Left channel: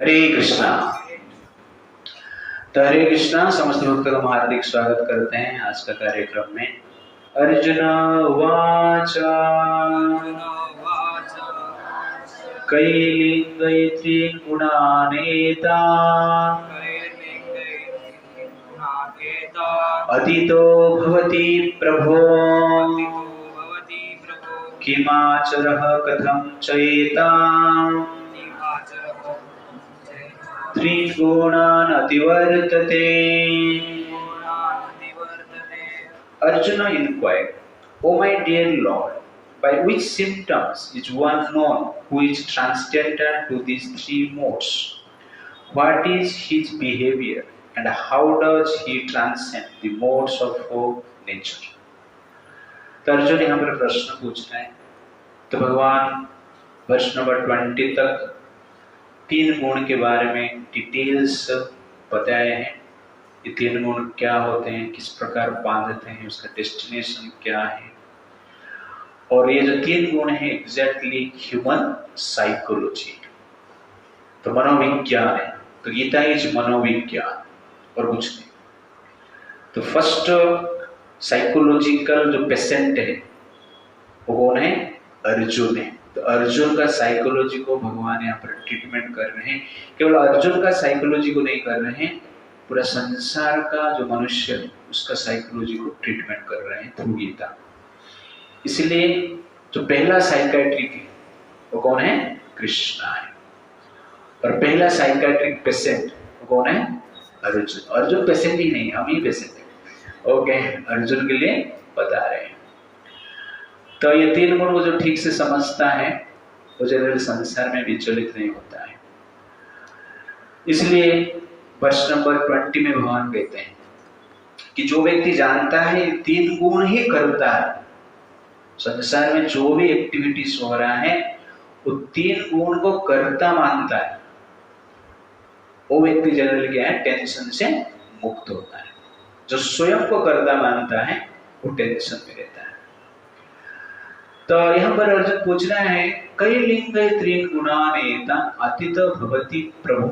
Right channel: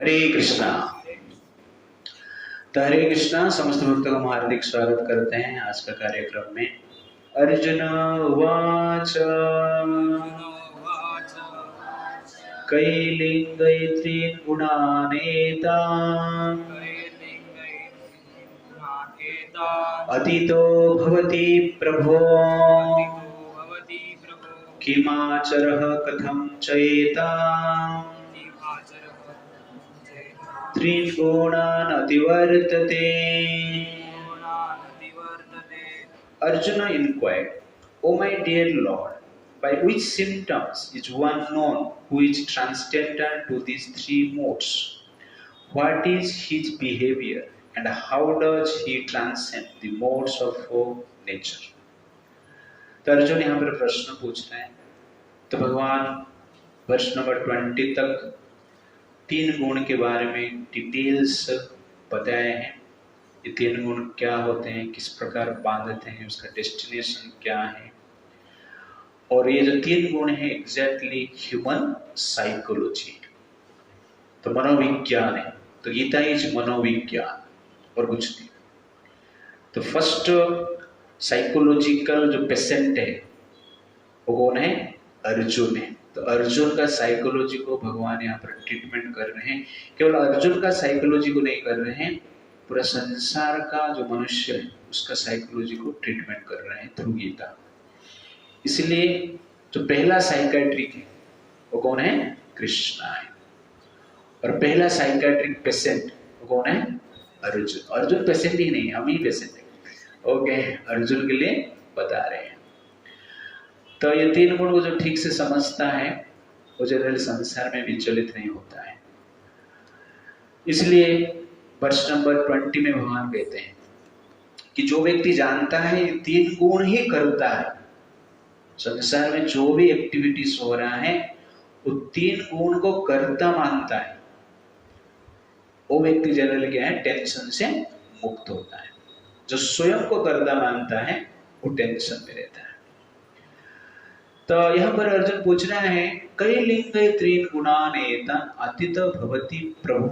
हरे कृष्णा। तो हरे कृष्णा समस्त भक्तों का हार्दिक स्वागत करते हैं आज का कार्यक्रम में। अर्जुन उवाच कैलिङ्गैत्रीन् गुणानेता अतीतो भवति प्रभो किमाचरः कथं चैतां त्रीन् गुणान् अतिवर्तते। Arjuna inquired, O my dear Lord, by which symptoms is one known who is transcendental to these three modes? What is his behavior and how does he transcend the modes of nature? तो अर्जुन यहाँ पर प्रश्न पूछ रहे हैं। तो भगवान वर्ष नंबर 20 तक तीन गुण के बारे में डिटेल्स बताए हैं। ये तीन गुण क्या होते हैं, किस प्रकार बांधते हैं, उसका डेस्टिनेशन क्या है, और ये जो तीन गुण है एग्जैक्टली ह्यूमन साइकोलॉजी, तो मनोविज्ञान है। तो गीता इज मनोविज्ञान और कुछ नहीं। तो फर्स्ट साइकोलॉजिकल जो पेशेंट है वो कौन है? अर्जुन है। तो अर्जुन का साइकोलॉजी को भगवान यहाँ पर ट्रीटमेंट कर रहे हैं। केवल अर्जुन का साइकोलॉजी को नहीं कर रहे हैं, पूरा संसार का जो मनुष्य है उसका साइकोलॉजी को ट्रीटमेंट कर रहे हैं थ्रू गीता। इसलिए जो पहला साइकाट्रिक है वो कौन है? कृष्णा है। और पहला साइकाट्रिक पेशेंट वो कौन है? अर्जुन। अर्जुन पेशेंट ही नहीं, हम ही पेशेंट है। ओके, अर्जुन के लिए बता रहे हैं। तो ये तीन गुण को जो ठीक से समझता है वो जनरल संसार में विचलित नहीं होता है। इसलिए वर्ष नंबर 20 में भगवान कहते हैं कि जो व्यक्ति जानता है ये तीन गुण ही करता है, संसार में जो भी एक्टिविटीज हो रहा है वो तीन गुण को करता मानता है, वो व्यक्ति जनरल क्या है? टेंशन से मुक्त होता है। जो स्वयं को करता मानता है वो टेंशन में रहता है। तो यहाँ पर अर्जुन पूछ रहा है, कैलिङ्गैत्रीन् गुणानेता अतीतो भवति प्रभु।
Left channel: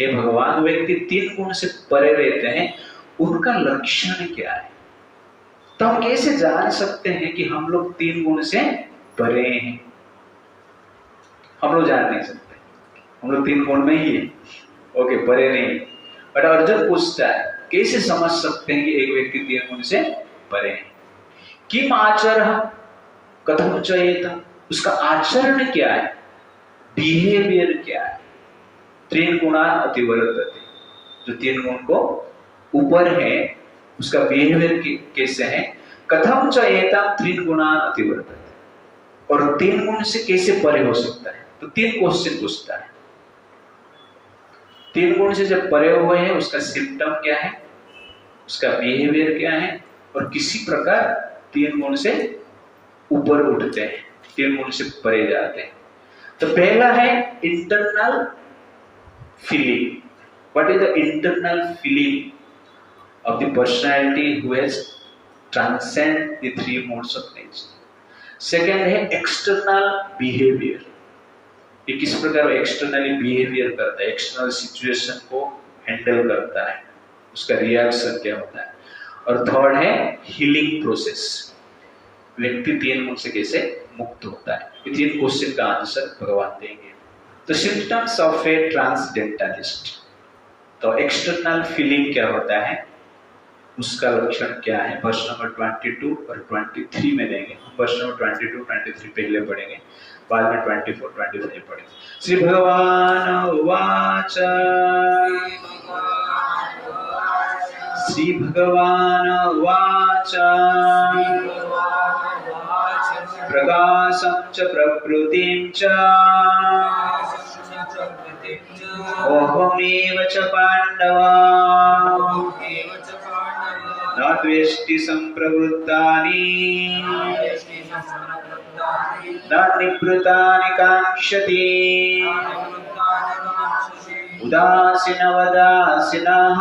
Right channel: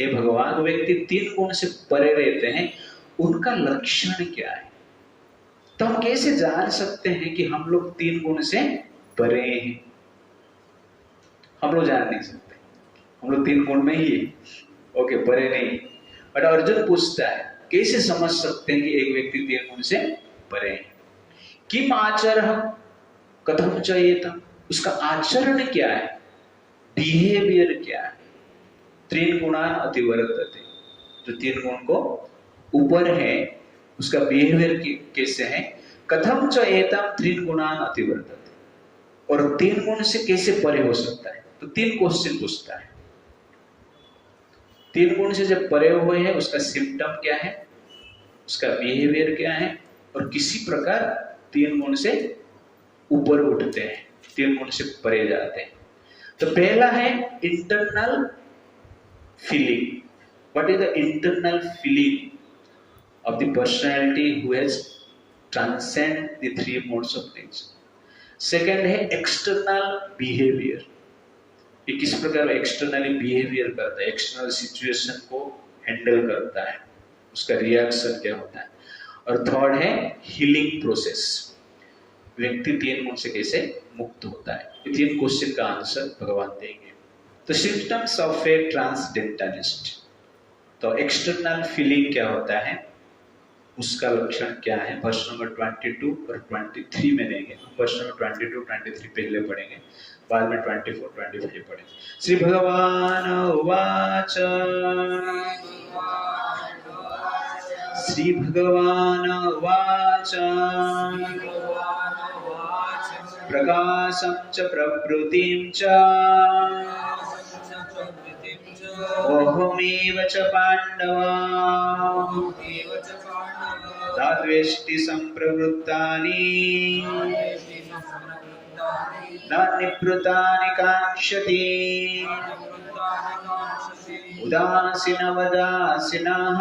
हे भगवान, वो व्यक्ति तीन गुण से परे रहते हैं, उनका लक्षण क्या है? तो हम कैसे जान सकते हैं कि हम लोग तीन गुण से परे हैं? हम लोग जान नहीं सकते, हम लोग तीन गुण में ही है। ओके, परे नहीं। बट अर्जुन पूछता है कैसे समझ सकते हैं कि एक व्यक्ति तीन गुण से परे है? किम आचरः कथम चयेत, उसका आचरण क्या है, बिहेवियर क्या है? तीन गुणान् अतिवर्तते, जो तीन गुण को ऊपर है उसका बिहेवियर कैसे है? कथम चयेत तीन गुणान् अतिवर्तते, और तीन गुण से कैसे परे हो सकता है? तो तीन क्वेश्चन पूछता है। तीन गुण से जब परे हुए हैं उसका सिम्टम क्या है, उसका बिहेवियर क्या है, और किसी प्रकार तीन गुण से ऊपर उठते हैं, तीन गुण से परे जाते हैं। तो पहला है internal feeling. What is the internal feeling of the personality who has transcend the three modes of nature. Second है एक्सटर्नल बिहेवियर, ये किस प्रकार एक्सटर्नली बिहेवियर करता है, एक्सटर्नल सिचुएशन को हैंडल करता है, उसका रिएक्शन क्या होता है। और थर्ड है हीलिंग प्रोसेस, व्यक्ति तीन गुण से कैसे मुक्त होता है। ये तीन क्वेश्चन का आंसर भगवान देंगे। तो सिम्टम्स ऑफ ए ट्रांसडेंटलिस्ट, तो एक्सटर्नल फीलिंग क्या होता है, उसका लक्षण क्या है, वर्ष नंबर 22 और 23 में देंगे। वर्ष नंबर 22, 23 पहले पढ़ेंगे, बाद में 24, 25 पढ़ेंगे। श्री भगवान उवाच, श्री भगवान उवाच, प्रकाशं च प्रकृतिं च ओहमेव च पाण्डव न द्वेष्टि सम्प्रवृत्तानि न निवृत्तानि काङ्क्षति उदासीनवदासीनः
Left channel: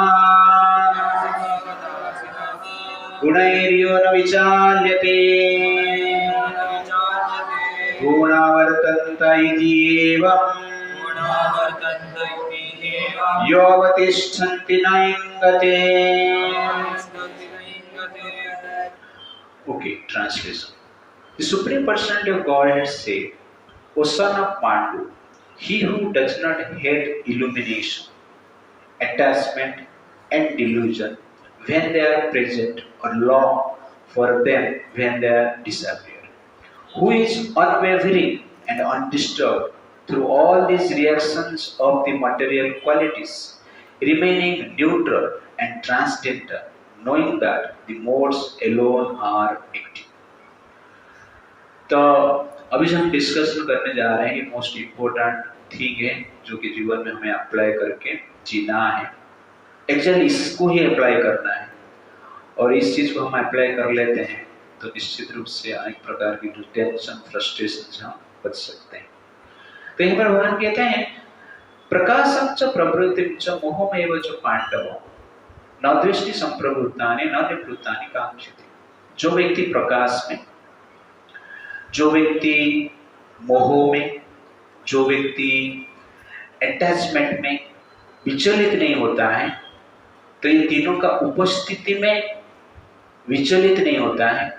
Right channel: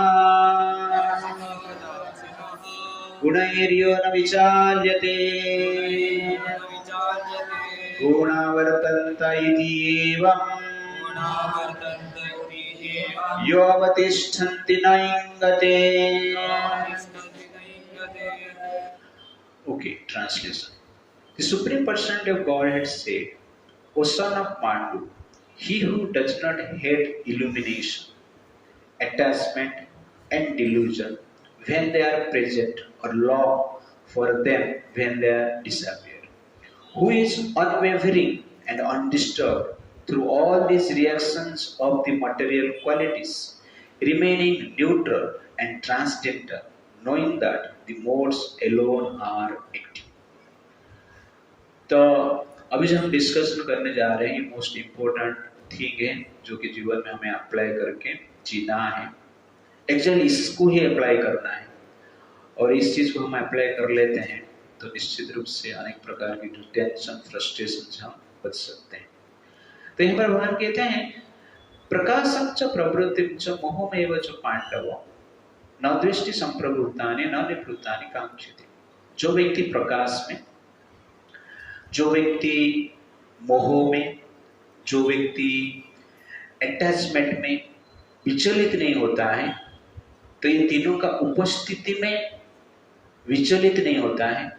गुणैर्यो न विचाल्यते गुणावर्तन्त इति एवम् योऽवतिष्ठन्ति न इंगते. Okay, translation. The Supreme Personality of Godhead said, O son of Pandu, he who does not hate illumination, attachment, and delusion when they are present or long for them when they are disappear, who is unwavering and undisturbed through all these reactions of the material qualities, remaining neutral and transcendental, knowing that the modes alone are active. तो अभी जो हम discussion करने जा रहे हैं ये most important thing है जो कि जीवन में हमें अप्लाई करके जीना है. एक्चुअली इसको ही अप्लाई करना है और इस चीज को हम अप्लाई कर लेते हैं तो निश्चित रूप से अनेक प्रकार की जो टेंशन फ्रस्ट्रेशन हम बच सकते हैं. तो यहाँ पर भगवान कहते हैं प्रकाशं च प्रवृत्तिं च मोहमेव च पांडव न दृष्टि संप्रवृत्तानि न निवृत्तानि कांक्षति. जो व्यक्ति प्रकाश में, जो व्यक्ति मोह में, जो व्यक्ति अटैचमेंट में विचलित नहीं होता है, तो ये तीनों का उपस्थिति में विचलित नहीं होता है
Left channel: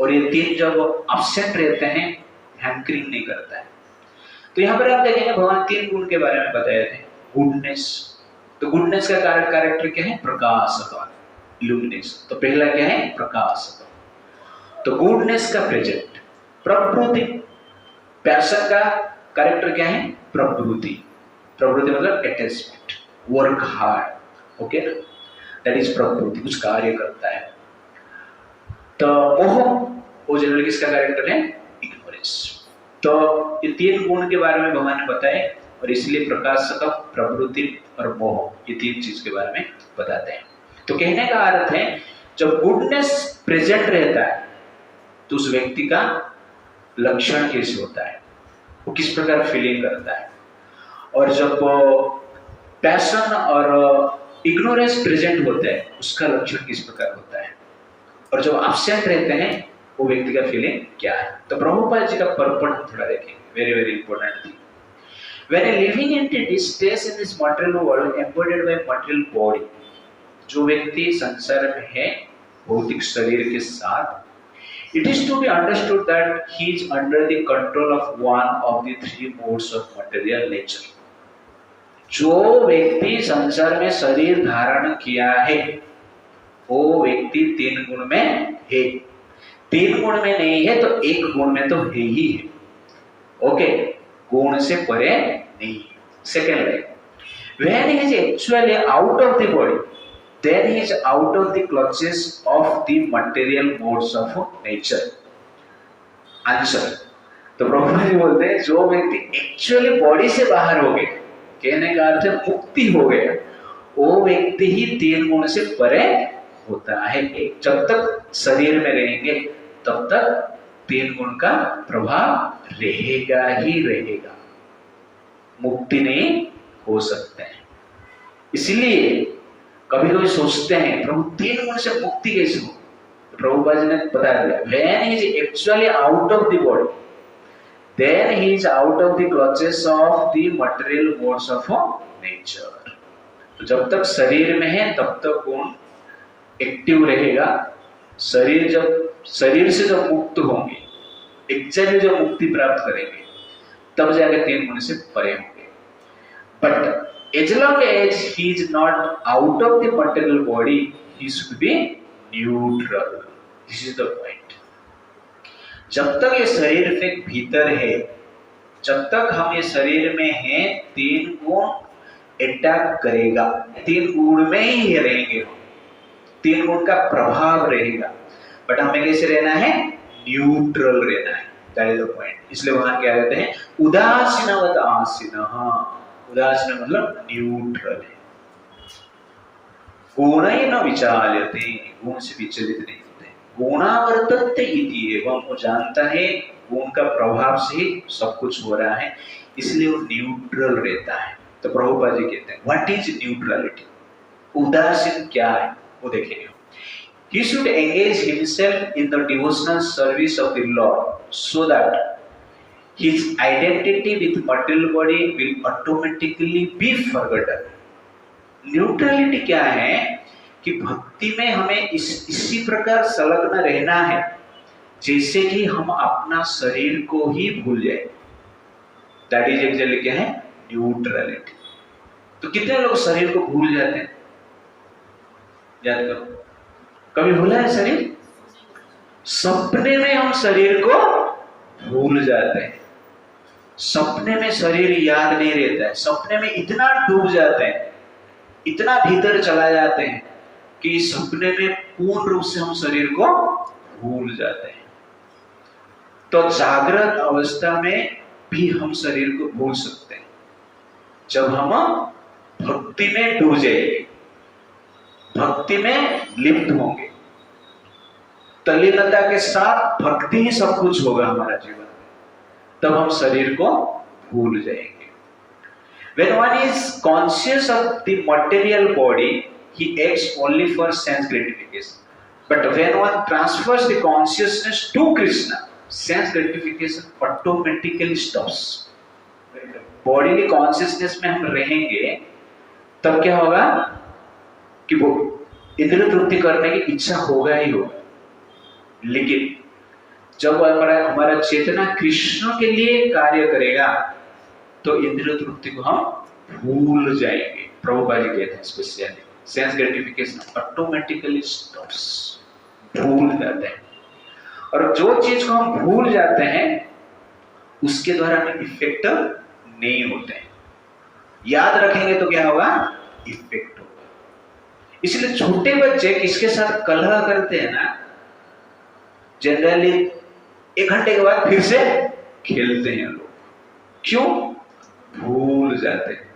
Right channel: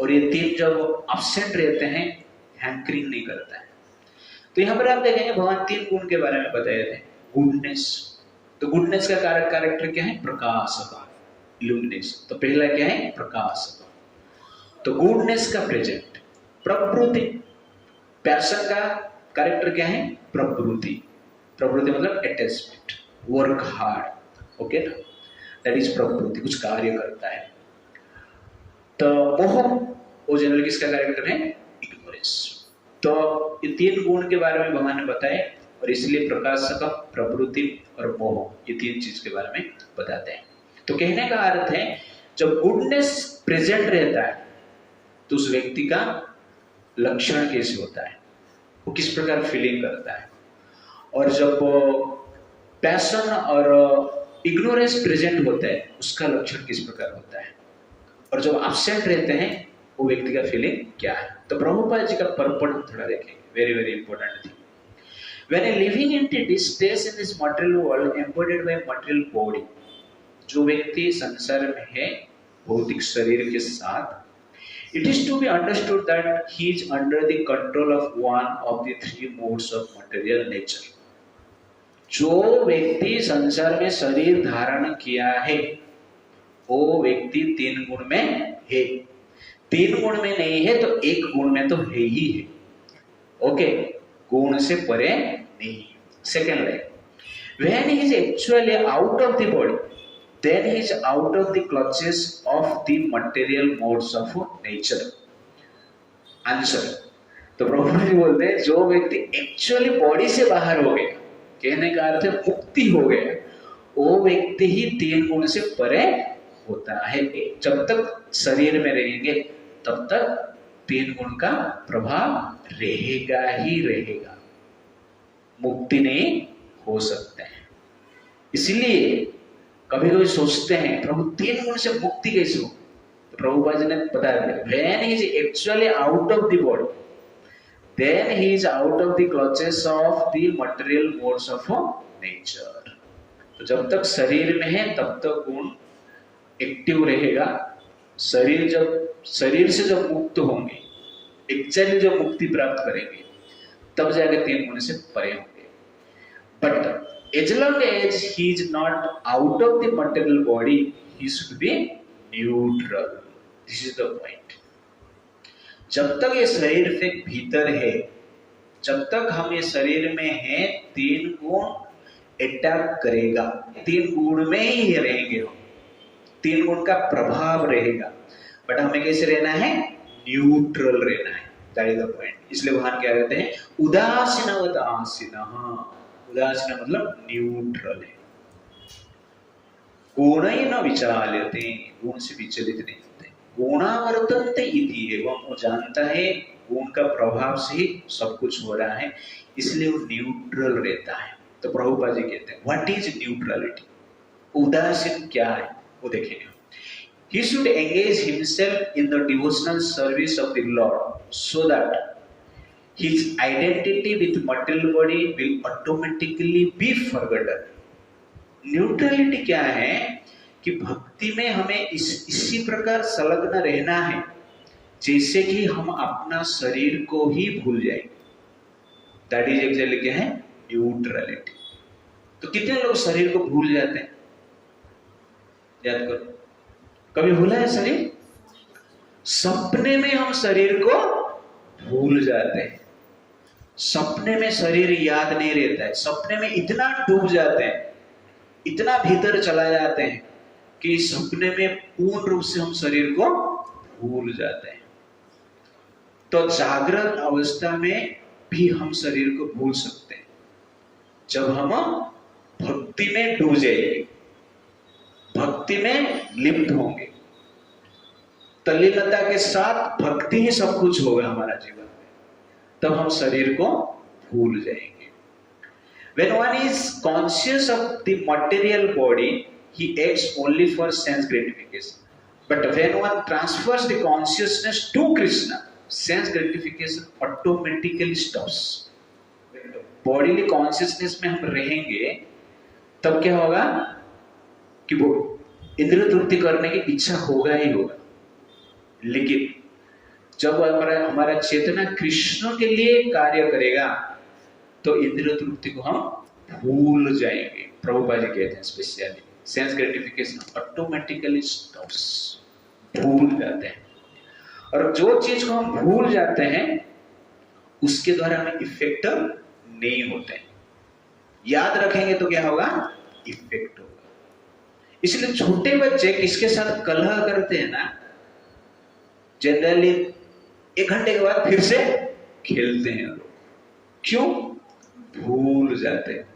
और ये तीन जब एब्सेंट रहते हैं हैंकरिंग नहीं करता है. तो यहाँ पर आप देखेंगे भगवान तीन गुण के बारे में बताए थे. गुडनेस, तो गुडनेस का कैरेक्टर क्या है? प्रकाश का, इल्यूमिनेशन. तो पहला क्या है? प्रकाश का. तो गुडनेस का प्रेजेंट. प्रवृत्ति, पैशन का कैरेक्टर क्या है? प्रवृत्ति. प्रवृत्ति मतलब अटैचमेंट, वर्क हार्ड. ओके ना, दैट इज प्रवृत्ति, कुछ कार्य करता है. तो मोह, वो जनरली किसका कैरेक्टर है? इग्नोरेंस. तो ये तीन गुण के बारे में भगवान ने बताए और इसलिए प्रकाश का, प्रवृत्ति और मोह, ये तीन चीज के बारे में बताते हैं. तो कहने का अर्थ है जब गुडनेस प्रेजेंट रहता है तो उस व्यक्ति का लक्षण कैसे होता है, वो किस प्रकार फीलिंग करता है. और जब पैशन और इग्नोरेंस प्रेजेंट होता है उसका लक्षण किस प्रकार होता है. और जब एब्सेंट रहते हैं वो व्यक्ति का फीलिंग क्या है. तो प्रभुपाद जी का पर्पट हम थोड़ा देखेंगे. Very very important thing. When a living entity stays in this material world embodied by material body, जो व्यक्ति संसार में है भौतिक शरीर के साथ, it is to be understood that he is under the control of one of the three modes of material nature. जो व्यक्ति संसार में शरीर धारण किया है वो व्यक्ति तीन गुण में है. तीन गुण में नहीं है तो एक गुण में तो है ही है. ओके, गुण से परे नहीं. Second line, when he is actually out of the body, then he is out of the clutches of the material modes of nature. Answer, तो प्रभु जी बोलते हैं जो व्यक्ति एक्चुअली बॉडी से बाहर हो गया, कहने का अर्थ है मुक्ति हो गया, वो व्यक्ति ही तीन गुण से परे होता है. जब तक शरीर में रहेंगे तब तक तीन गुण का प्रभाव रहेगा ही रहेगा, मुक्ति नहीं हो सकते हैं. इसलिए कभी कभी सोचते हैं प्रभु तीन गुण से मुक्ति कैसे हो. प्रभुपाद जी ने बता दिया, when he is actually out of the body, then he is out of the clutches of the material modes of nature. तो जब तक शरीर में है तब तक गुण एक्टिव रहेगा. शरीर से जब मुक्त होंगे, एक्चुअली जो मुक्ति प्राप्त करेंगे, तब जाकर तीन गुण से परे होंगे. But as long as he is not out of the material body, he should be neutral. This is the point. जब तक ये शरीर के भीतर है, जब तक हम ये शरीर में हैं, तीन गुण अटैक करेगा, तीन गुण में ही रहेंगे, तीन गुण का प्रभाव रहेगा. बट हमें कैसे रहना है? न्यूट्रल रहना है. That is the point. इसलिए भगवान क्या कहते हैं? उदासीनवत आसीनः. उदासीन मतलब न्यूट्रल है. गुणैः न विचाल्यते, गुण से विचलित नहीं होते. गुणावर्तन्ते इति एवं, वो जानता है गुण का प्रभाव से ही सब कुछ हो रहा है, इसलिए वो न्यूट्रल रहता है. तो प्रभुपाद जी कहते हैं व्हाट इज न्यूट्रलिटी, उदासीन क्या है वो देखेंगे. He should engage himself in the devotional service of the Lord so that his identity with material body will automatically be forgotten. Neutrality क्या है कि भक्ति में हमें इसी प्रकार संलग्न रहना है जैसे कि हम अपना शरीर को ही भूल जाए। दैट इज एक्चुअली क्या है? न्यूट्रलिटी। तो कितने लोग शरीर को भूल जाते हैं? याद करो, कभी भूला है शरीर? सपने में हम शरीर को भूल जाते हैं। सपने में शरीर याद नहीं रहता है। सपने में इतना डूब जाते हैं, इतना भीतर चला जाते हैं कि सपने में पूर्ण रूप से हम शरीर को भूल जाते हैं। तो जागृत अवस्था में भी हम शरीर को भूल सकते हैं जब हम भक्ति में डूब जाएंगे, भक्ति में लिप्त होंगे। तल्लीनता के साथ भक्ति ही सब कुछ होगा हमारा जीवन में, तब हम शरीर को भूल जाएंगे। When one is conscious of the material body, he acts only for sense gratification. But when one transfers the consciousness to Krishna, sense gratification automatically stops. Bodily consciousness में हम रहेंगे तब क्या होगा कि वो इंद्रिय तृप्ति करने की इच्छा होगा ही होगा। लेकिन जब हमारा चेतना कृष्ण के लिए कार्य करेगा तो इंद्रिय तृप्ति को हम भूल जाएंगे। प्रभुपाद जी कहते हैं specially sense gratification automatically stops, भूल जाते हैं। और जो चीज को हम भूल जाते हैं उसके द्वारा हमें इफेक्ट नहीं होते हैं। याद रखेंगे तो क्या होगा? इफेक्ट होगा। इसलिए छोटे बच्चे किसके साथ कलह करते हैं ना, जनरली 1 घंटे के बाद फिर से खेलते हैं लोग। क्यों? भूल जाते हैं,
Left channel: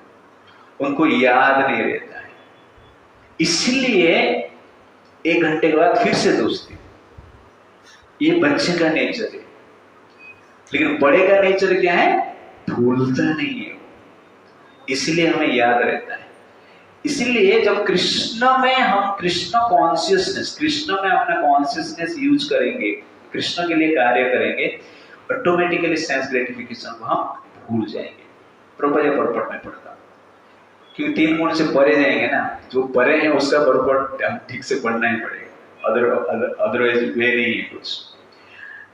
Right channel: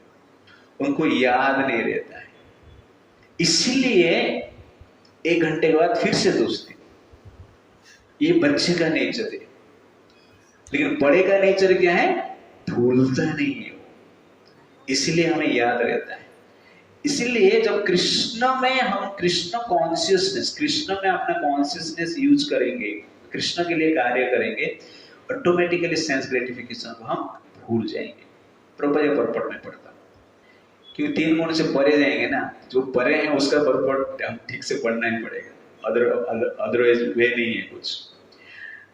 उनको याद नहीं रहता है। इसलिए 1 घंटे के बाद फिर से दोस्ती। ये बच्चे का नेचर है। लेकिन बड़े का नेचर क्या है? भूलता नहीं है, इसलिए हमें याद रहता है। इसलिए जब कृष्ण में हम कृष्ण कॉन्शियसनेस, कृष्ण में अपना कॉन्शियसनेस यूज करेंगे, कृष्ण के लिए कार्य करेंगे, ऑटोमेटिकली सेंस ग्रेटिफिकेशन को हम भूल जाएंगे। प्रॉपर परपट में पढ़ता, क्योंकि 3 गुण से परे जाएंगे ना, जो परे है उसका परपट हम ठीक से पढ़ना ही पड़ेगा, अदरवाइज वे नहीं है कुछ।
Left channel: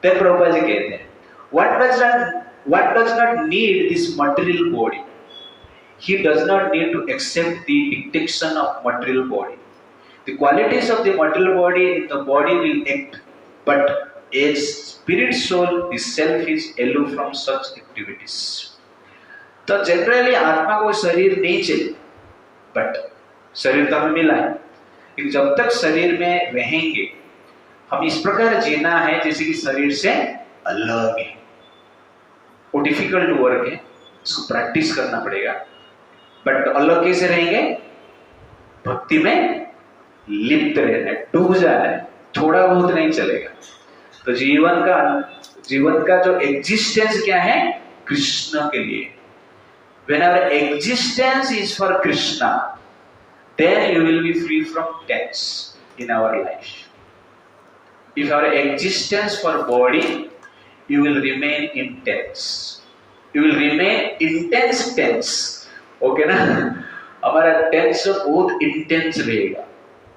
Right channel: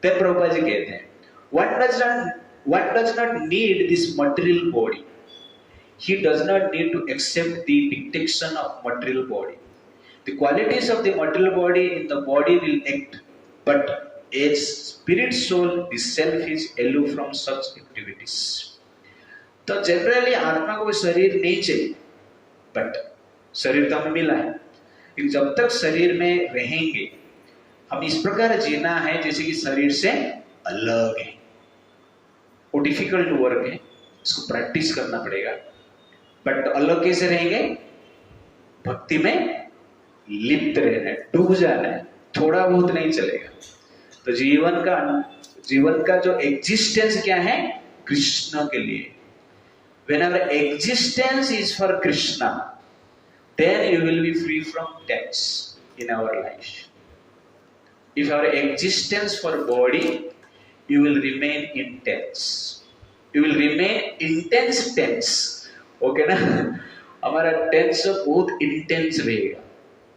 तब प्रभुपाद जी कहते हैं what does not need this material body, he does not need to accept the dictation of material body. The qualities of the material body in the body will act, but as spirit soul the self is aloof from such activities. तो generally आत्मा को शरीर नहीं चाहिए, but शरीर तो हमें मिला है। लेकिन जब तक शरीर में रहेंगे हम इस प्रकार जीना है जैसे कि शरीर से अलग है। वो डिफिकल्ट वर्क है, इसको प्रैक्टिस करना पड़ेगा। बट अलग कैसे रहेंगे? भक्ति में लिप्त रहना है, डूब जाना है, थोड़ा बहुत नहीं चलेगा। तो जीवन का जो एग्जिस्टेंस क्या है? कृष्ण के लिए। When our existence is for Krishna, then you will be free from tense in our life. If our existence for body, you will remain intense. You will remain intense tense. Okay ना? हमारा tense बहुत intense रहेगा,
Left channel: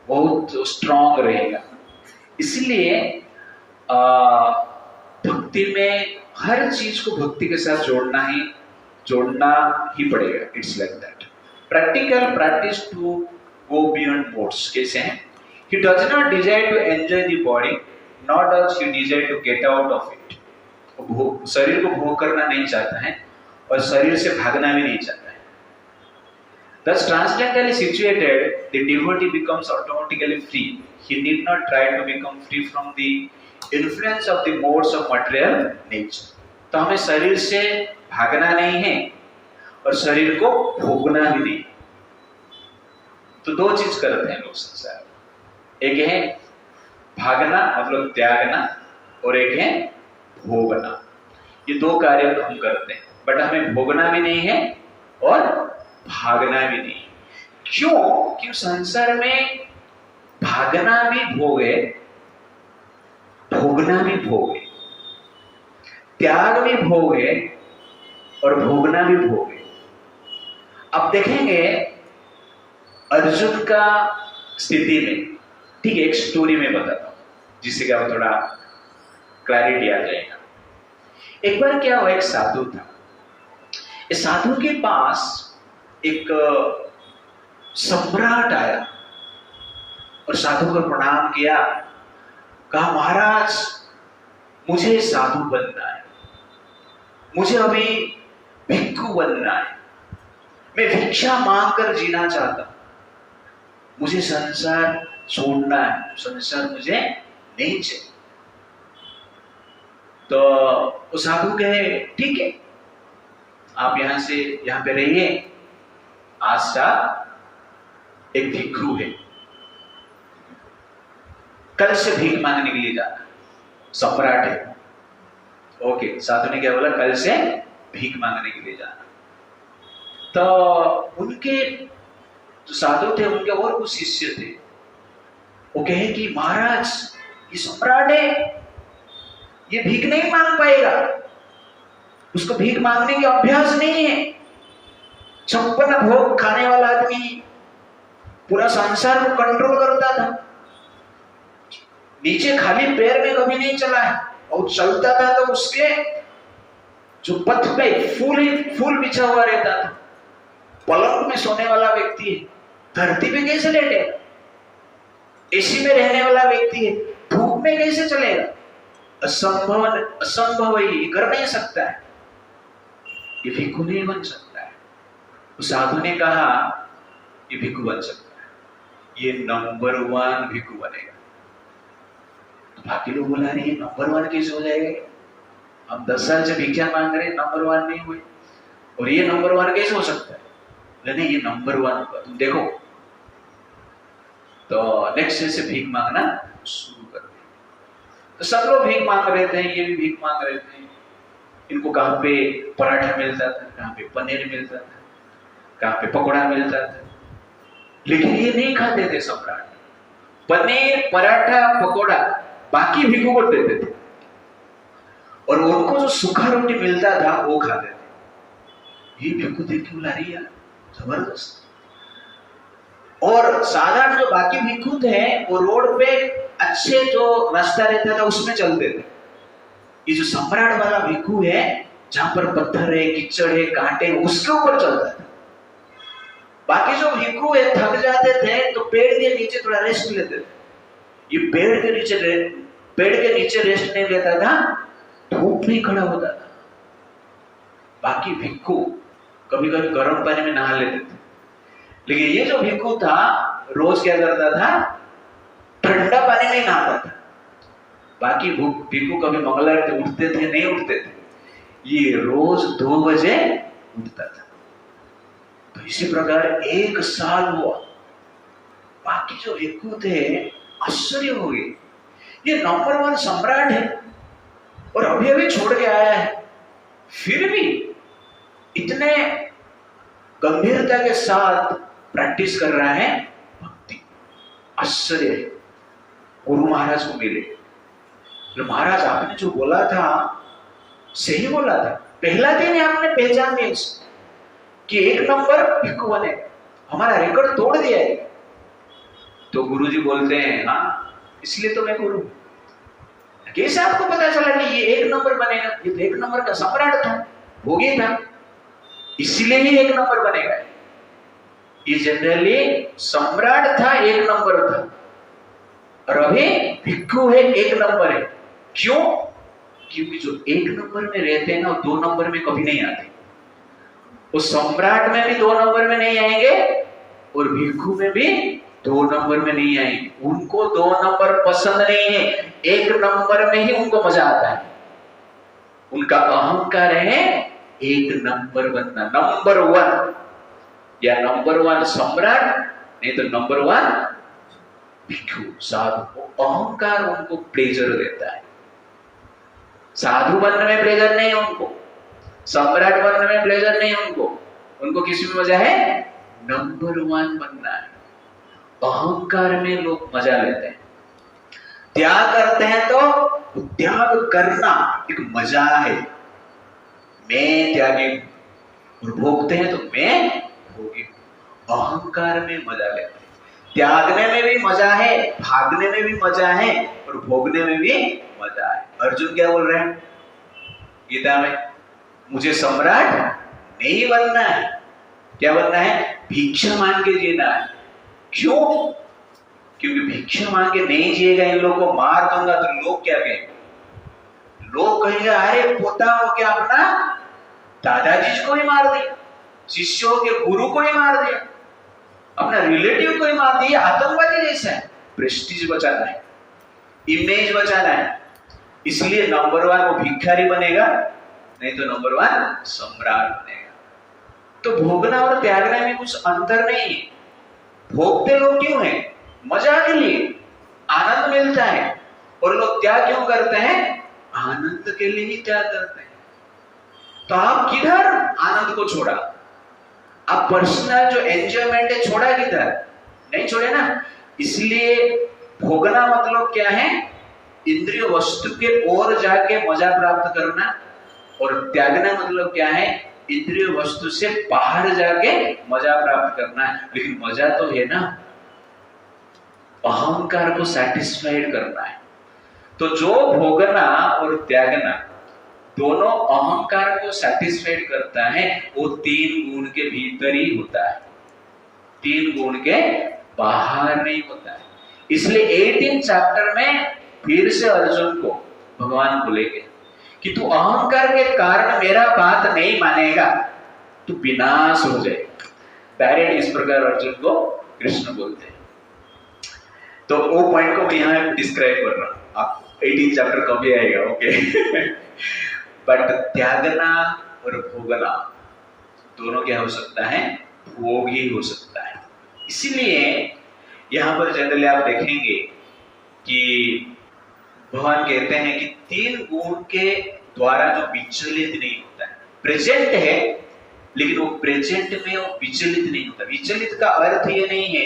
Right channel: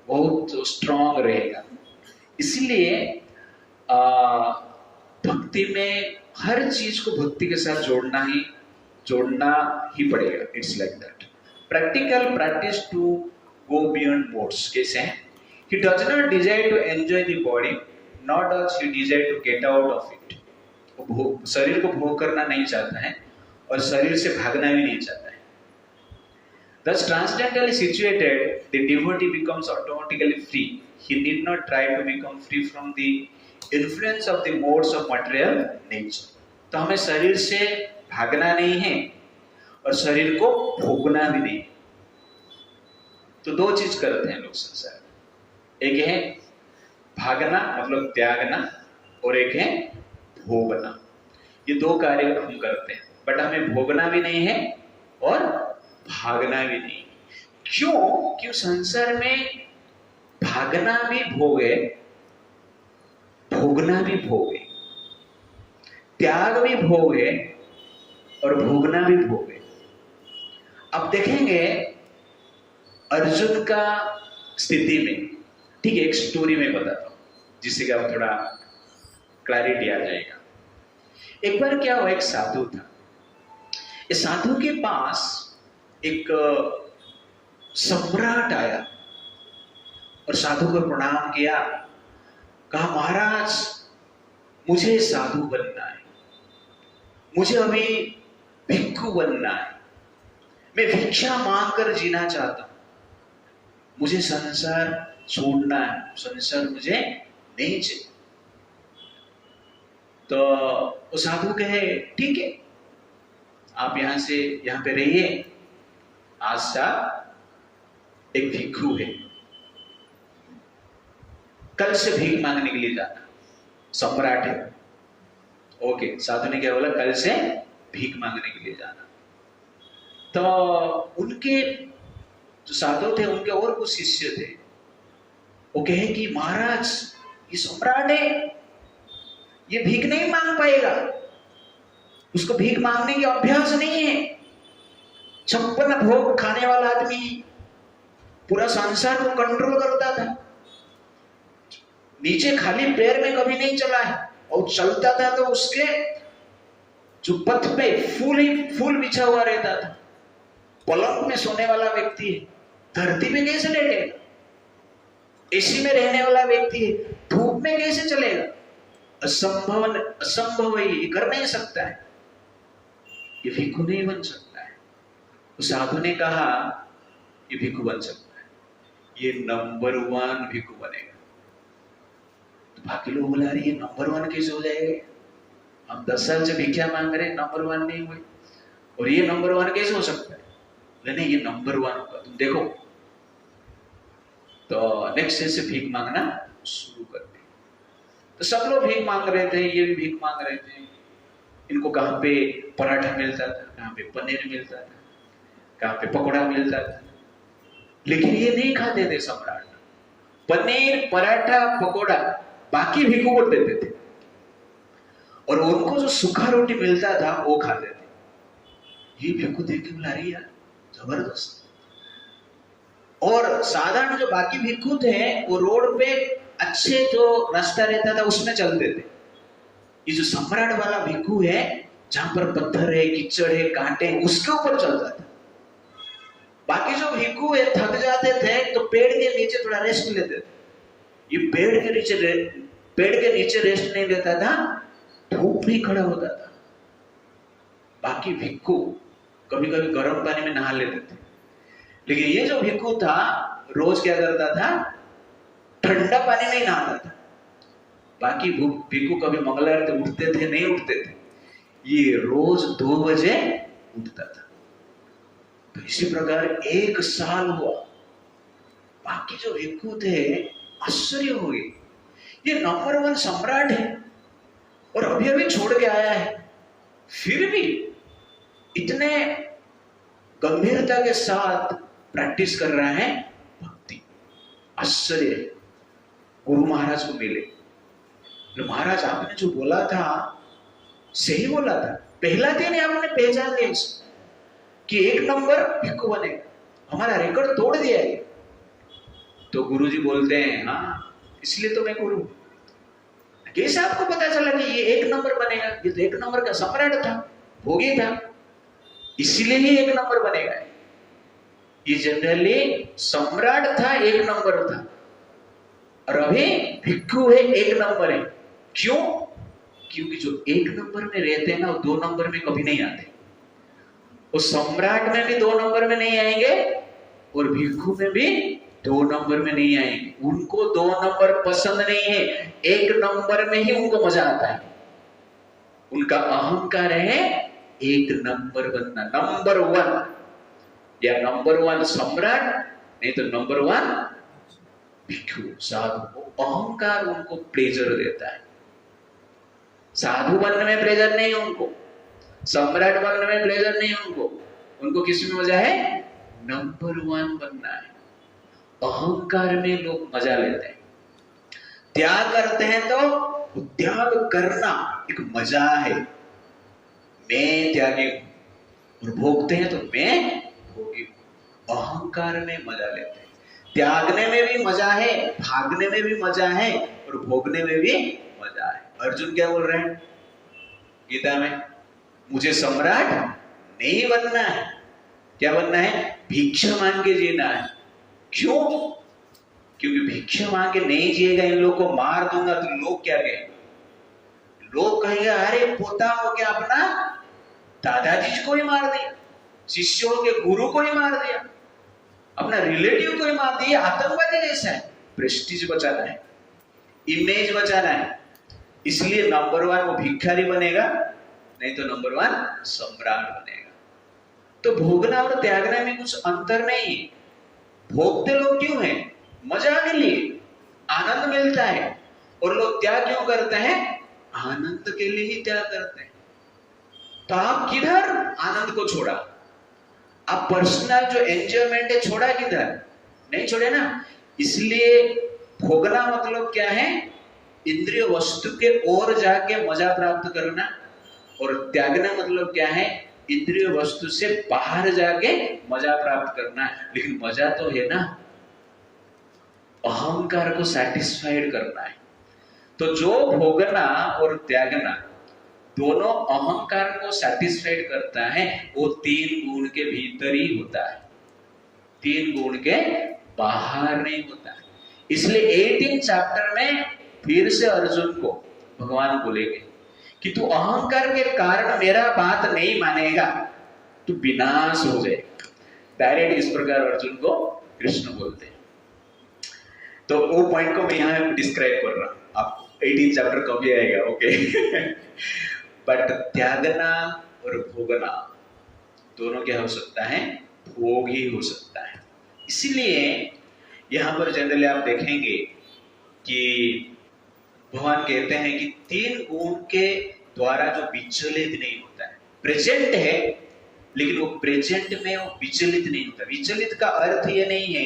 बहुत strong रहेगा। इसलिए भक्ति में हर चीज को भक्ति के साथ जोड़ना ही पड़ेगा। It's like that. Practical practice to go beyond modes कैसे हैं? He does not desire to enjoy the body, nor does he desire to get out of it. शरीर को भोग करना नहीं चाहता है और शरीर से भागना भी नहीं चाहता है। Thus transcendentally situated, the devotee becomes automatically free. He need not try to become free from the influence of the modes of material nature. तो हमें शरीर से भागना नहीं है और शरीर को भोगना भी नहीं। तो 2 चीज करते हैं लोग संसार में, एक है भागना मतलब त्यागना, और एक है भोगना। ये 2 कार्य हम करते हैं, बट हमें भोगना भी नहीं है और भागना भी नहीं। क्यों संसार में भागना भी भोग है, भोगना भी भोग है, त्याग भी भोग है और भोगना भी भोग है। अब देखेंगे अर्जुन का स्थिति में, ठीक है, एक स्टोरी में बताता हूं जिससे क्या थोड़ा क्लैरिटी आ जाएगा। एक बार क्या हुआ, एक साधु था। इस साधु के पास एक सम्राट आया और साधु को प्रणाम किया, कहा महाराज मुझे साधु बनना है, मुझे अभी भिक्षु बनना है, मैं भिक्षा मांगकर जीना चाहता हूं, मुझे संसार छोड़ना है, संसार मुझे नहीं चाहिए। तो वो साधु कहे ठीक है, आप यहां से यहां पे रहिए, आज सा एक भिक्षु है, कल से भीख मांगने के लिए जाना, सम्राट है। ओके, साधु ने क्या बोला, कल से भीख मांगने के लिए जाना। तो उनके जो साधु थे उनके और कुछ शिष्य थे, वो कहे कि महाराज ये सम्राट है, ये भीख नहीं मांग पाएगा, उसको भीख मांगने की अभ्यास नहीं है, 56 भोग खाने वाला आदमी, पूरा संसार को कंट्रोल करता था, नीचे खाली पैर में कभी नहीं चला है, और चलता था तो उसके जो पथ पे फूल ही फूल बिछा हुआ रहता था, पलंग में सोने वाला व्यक्ति है, धरती पे कैसे लेटे, एसी में रहने वाला व्यक्ति है, धूप में कैसे चलेगा, असंभव है, ये कर नहीं सकता है, ये भिक्षु नहीं बन सकता है। उस साधु ने कहा ये भिक्षु बन सकता है, ये नंबर 1 भिक्षु बनेगा। तो बाकी लोग बोला रहे नंबर 1 कैसे हो जाएगा, हम 10 साल से भिक्षा मांग रहे, नंबर 1 नहीं हुए, और ये नंबर 1 कैसे हो सकता है, नहीं ये नंबर 1 होगा, तुम देखो। तो नेक्स्ट डे से भीख मांगना शुरू कर दिया। तो सब लोग भीख मांग रहे थे, ये भी भीख मांग रहे थे, इनको कहाँ पे पराठा मिलता था, कहाँ पे पनीर मिलता था, कहाँ पे पकौड़ा मिलता था, लेकिन ये नहीं खाते थे सम्राट, पनीर पराठा पकौड़ा बाकी भिक्षु को देते थे, और उनको जो सूखा रोटी मिलता था वो खाते थे। ये भिक्षु देख के बुला रही है जबरदस्त। और साधारण जो बाकी भिक्षु थे वो रोड पे अच्छे जो रास्ता रहता था उसमें चलते थे, ये जो सम्राट वाला भिक्षु है जहां पर पत्थर है, कीचड़ है, कांटे, उसके ऊपर चलता था। बाकी जो भिक्षु है थक जाते थे तो पेड़ के नीचे थोड़ा रेस्ट लेते थे, ये पेड़ के नीचे रेस्ट नहीं लेता था, धूप में खड़ा होता था। बाकी भिक्षु कभी कभी गर्म पानी में नहा लेते थे, लेकिन ये जो भिक्षु था रोज क्या करता था, ठंडा पानी में नहाता था। बाकी भिक्षु कभी मंगलवार उठते थे नहीं उठते थे, ये रोज 2 बजे उठता था। तो इसी प्रकार 1 साल हुआ, बाकी जो भिक्षु थे आश्चर्य हो गए, ये नंबर 1 सम्राट है और अभी अभी छोड़ के आया है, फिर भी इतने गंभीरता के साथ प्रैक्टिस कर रहा है भक्ति। आश्चर्य है। गुरु महाराज को मिले, तो महाराज आपने जो बोला था सही बोला था, पहला दिन ही आपने पहचान दिया कि 1 नंबर भिक्षु बने, हमारा रिकॉर्ड तोड़ दिया है। तो गुरुजी बोलते हैं हाँ इसलिए तो मैं गुरु। कैसे आपको पता चला कि ये 1 नंबर बनेगा, ये तो 1 नंबर का सम्राट था, भोगी था, इसलिए ही 1 नंबर बनेगा। ये जनरली सम्राट था, 1 नंबर था, और अभी भिक्षु है, 1 नंबर है। क्यों? क्योंकि जो 1 नंबर में रहते हैं ना वो 2 नंबर में कभी नहीं आते। वो सम्राट में भी 2 नंबर में नहीं आएंगे और भिक्षु में भी 2 नंबर में नहीं आएंगे। उनको 2 नंबर पसंद नहीं है, 1 नंबर में ही उनको मजा आता है। उनका अहंकार है 1 नंबर बनना, नंबर 1 या नंबर 1 सम्राट, नहीं तो नंबर 1 भिक्षु साधु। अहंकार उनको प्लेजर देता है, साधु बनने में प्लेजर नहीं है उनको, सम्राट बनने में प्लेजर नहीं है उनको किसी में मजा है, नंबर 1 बनना है। अहंकार में लोग मजा लेते हैं, त्याग करते हैं तो त्याग करना एक मजा है, मैं त्यागी हूं, और भोगते हैं तो मैं भोगी हूं। अहंकार में मजा लेते हैं। त्यागने में भी मजा है, भागने में भी मजा है, और भोगने में भी मजा है। अर्जुन क्या बोल रहे हैं गीता में? मुझे सम्राट नहीं बनना है। क्या बनना है? भिक्षा मांग के जीना है। क्यों? क्योंकि भिक्षा मांग के नहीं जिएगा, इन लोगों को मार दूंगा तो लोग क्या कहेंगे? लोग कहेंगे अरे पोता हो क्या अपना दादाजी को ही मार दिया, शिष्यों के गुरु को ही मार दिया, अपना रिलेटिव को ही मार दिया। आतंकवादी जैसा है। प्रेस्टीज बचाना है, इमेज बचाना है, इसलिए नंबर 1 वो भिखारी बनेगा, नहीं तो नंबर 1 सम्राट बनेगा। तो भोगना और त्यागना में कुछ अंतर नहीं है। भोगते लोग क्यों हैं? मजा के लिए, आनंद मिलता है। और लोग त्याग क्यों करते हैं? आनंद के लिए ही त्याग करते हैं। तो आप किधर आनंद को छोड़ा? आप पर्सनल जो एंजॉयमेंट है छोड़ा किधर? नहीं छोड़े ना। इसलिए भोगना मतलब क्या है? इंद्रिय वस्तु के ओर जाके मजा प्राप्त करना। और त्यागना मतलब क्या है? इंद्रिय वस्तु से बाहर जाके मजा प्राप्त करना है। लेकिन मजा तो है ना, अहंकार को सैटिस्फाइड करना है। तो जो भोगना और त्यागना दोनों अहंकार को सैटिस्फाइड करता है, वो 3 गुण के भीतर ही होता है, 3 गुण के बाहर नहीं होता है। इसलिए 18 चैप्टर में फिर से अर्जुन को भगवान बोलेंगे कि तू अहंकार के कारण मेरा बात नहीं मानेगा तो विनाश हो जाएगा। डायरेक्ट इस प्रकार अर्जुन को कृष्ण बोलते हैं। तो वो पॉइंट को मैं यहाँ डिस्क्राइब कर रहा हूँ। आप 18 चैप्टर कभी आएगा, ओके। बट त्यागना और भोगना दोनों क्या हो सकता है? भोग ही हो सकता है। इसीलिए यहाँ पर जनरली आप देखेंगे कि भगवान कहते हैं कि 3 गुण के द्वारा जो विचलित नहीं होता है, प्रेजेंट है लेकिन वो प्रेजेंट में वो विचलित नहीं होता। विचलित का अर्थ ये नहीं है,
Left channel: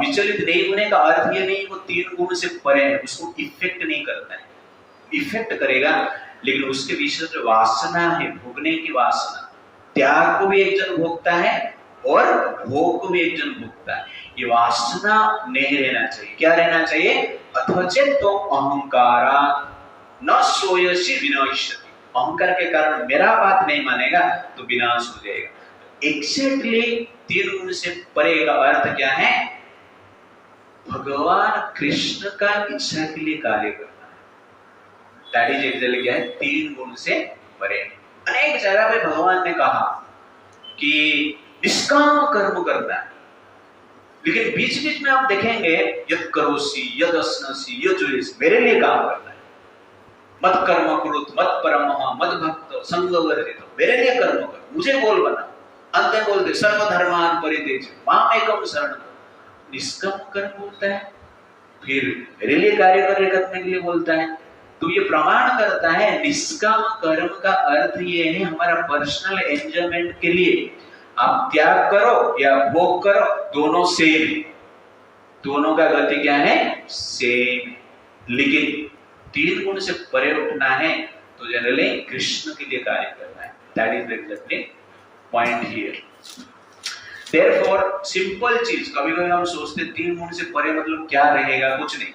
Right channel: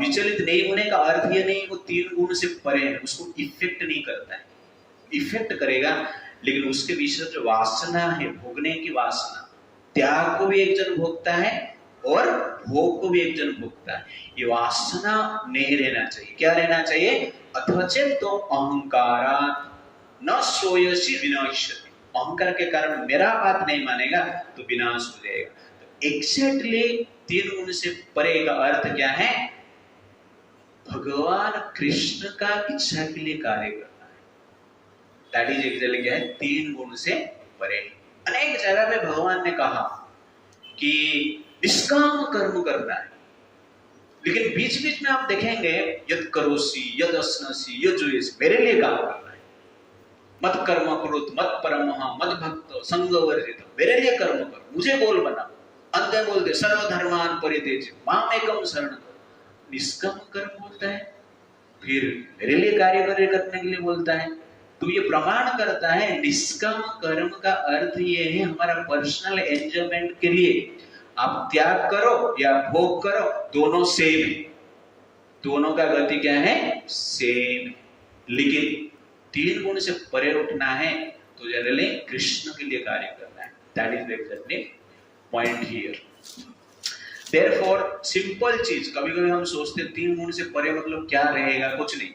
विचलित नहीं होने का अर्थ ये नहीं वो 3 गुण से परे है, उसको इफेक्ट नहीं करता है। इफेक्ट करेगा लेकिन उसके विषय जो वासना है, भोगने की वासना, त्याग को भी एक जन भोगता है और भोग को भी एक जन भोगता है। ये वासना नहीं रहना चाहिए। क्या रहना चाहिए? अथचेतो अहंकारा न सोयसी विनाश्यति। अहंकार के कारण मेरा बात नहीं मानेगा तो विनाश हो जाएगा। एक्जेक्टली 3 गुण से परे का अर्थ क्या है? भगवान कृष्ण का इच्छा के लिए कार्य करना है। दैट इज एक्जेक्टली क्या है? 3 गुण से परे। अनेक जगह पे भगवान ने कहा कि निष्काम कर्म करना है, लेकिन बीच बीच में आप देखेंगे यद करोसी यद अस्नसी यद जुएस, मेरे लिए काम करना है। मत कर्म कुरुत मत परमः मत भक्त संग वर्जित, मेरे लिए कर्म कर, मुझे गोल बना। अंत बोलते सर्वधर्मान परित्यज्य मामेकं शरणं। निष्काम कर्म बोलता है, फिर मेरे लिए कार्य करने के लिए बोलता है। तो ये प्रमाण करता है निष्काम कर्म का अर्थ ये है हमारा पर्सनल एंजॉयमेंट के लिए। आप त्याग करो या भोग करो, दोनों सेम है, दोनों का गति क्या है? सेम। लेकिन 3 गुण से परे उठना है तो जनरली कृष्ण के लिए कार्य करना है। That is exactly point here. Therefore simple चीज, कभी कभी हम सोचते 3 गुण से परे मतलब क्या रहेगा? कुछ नहीं,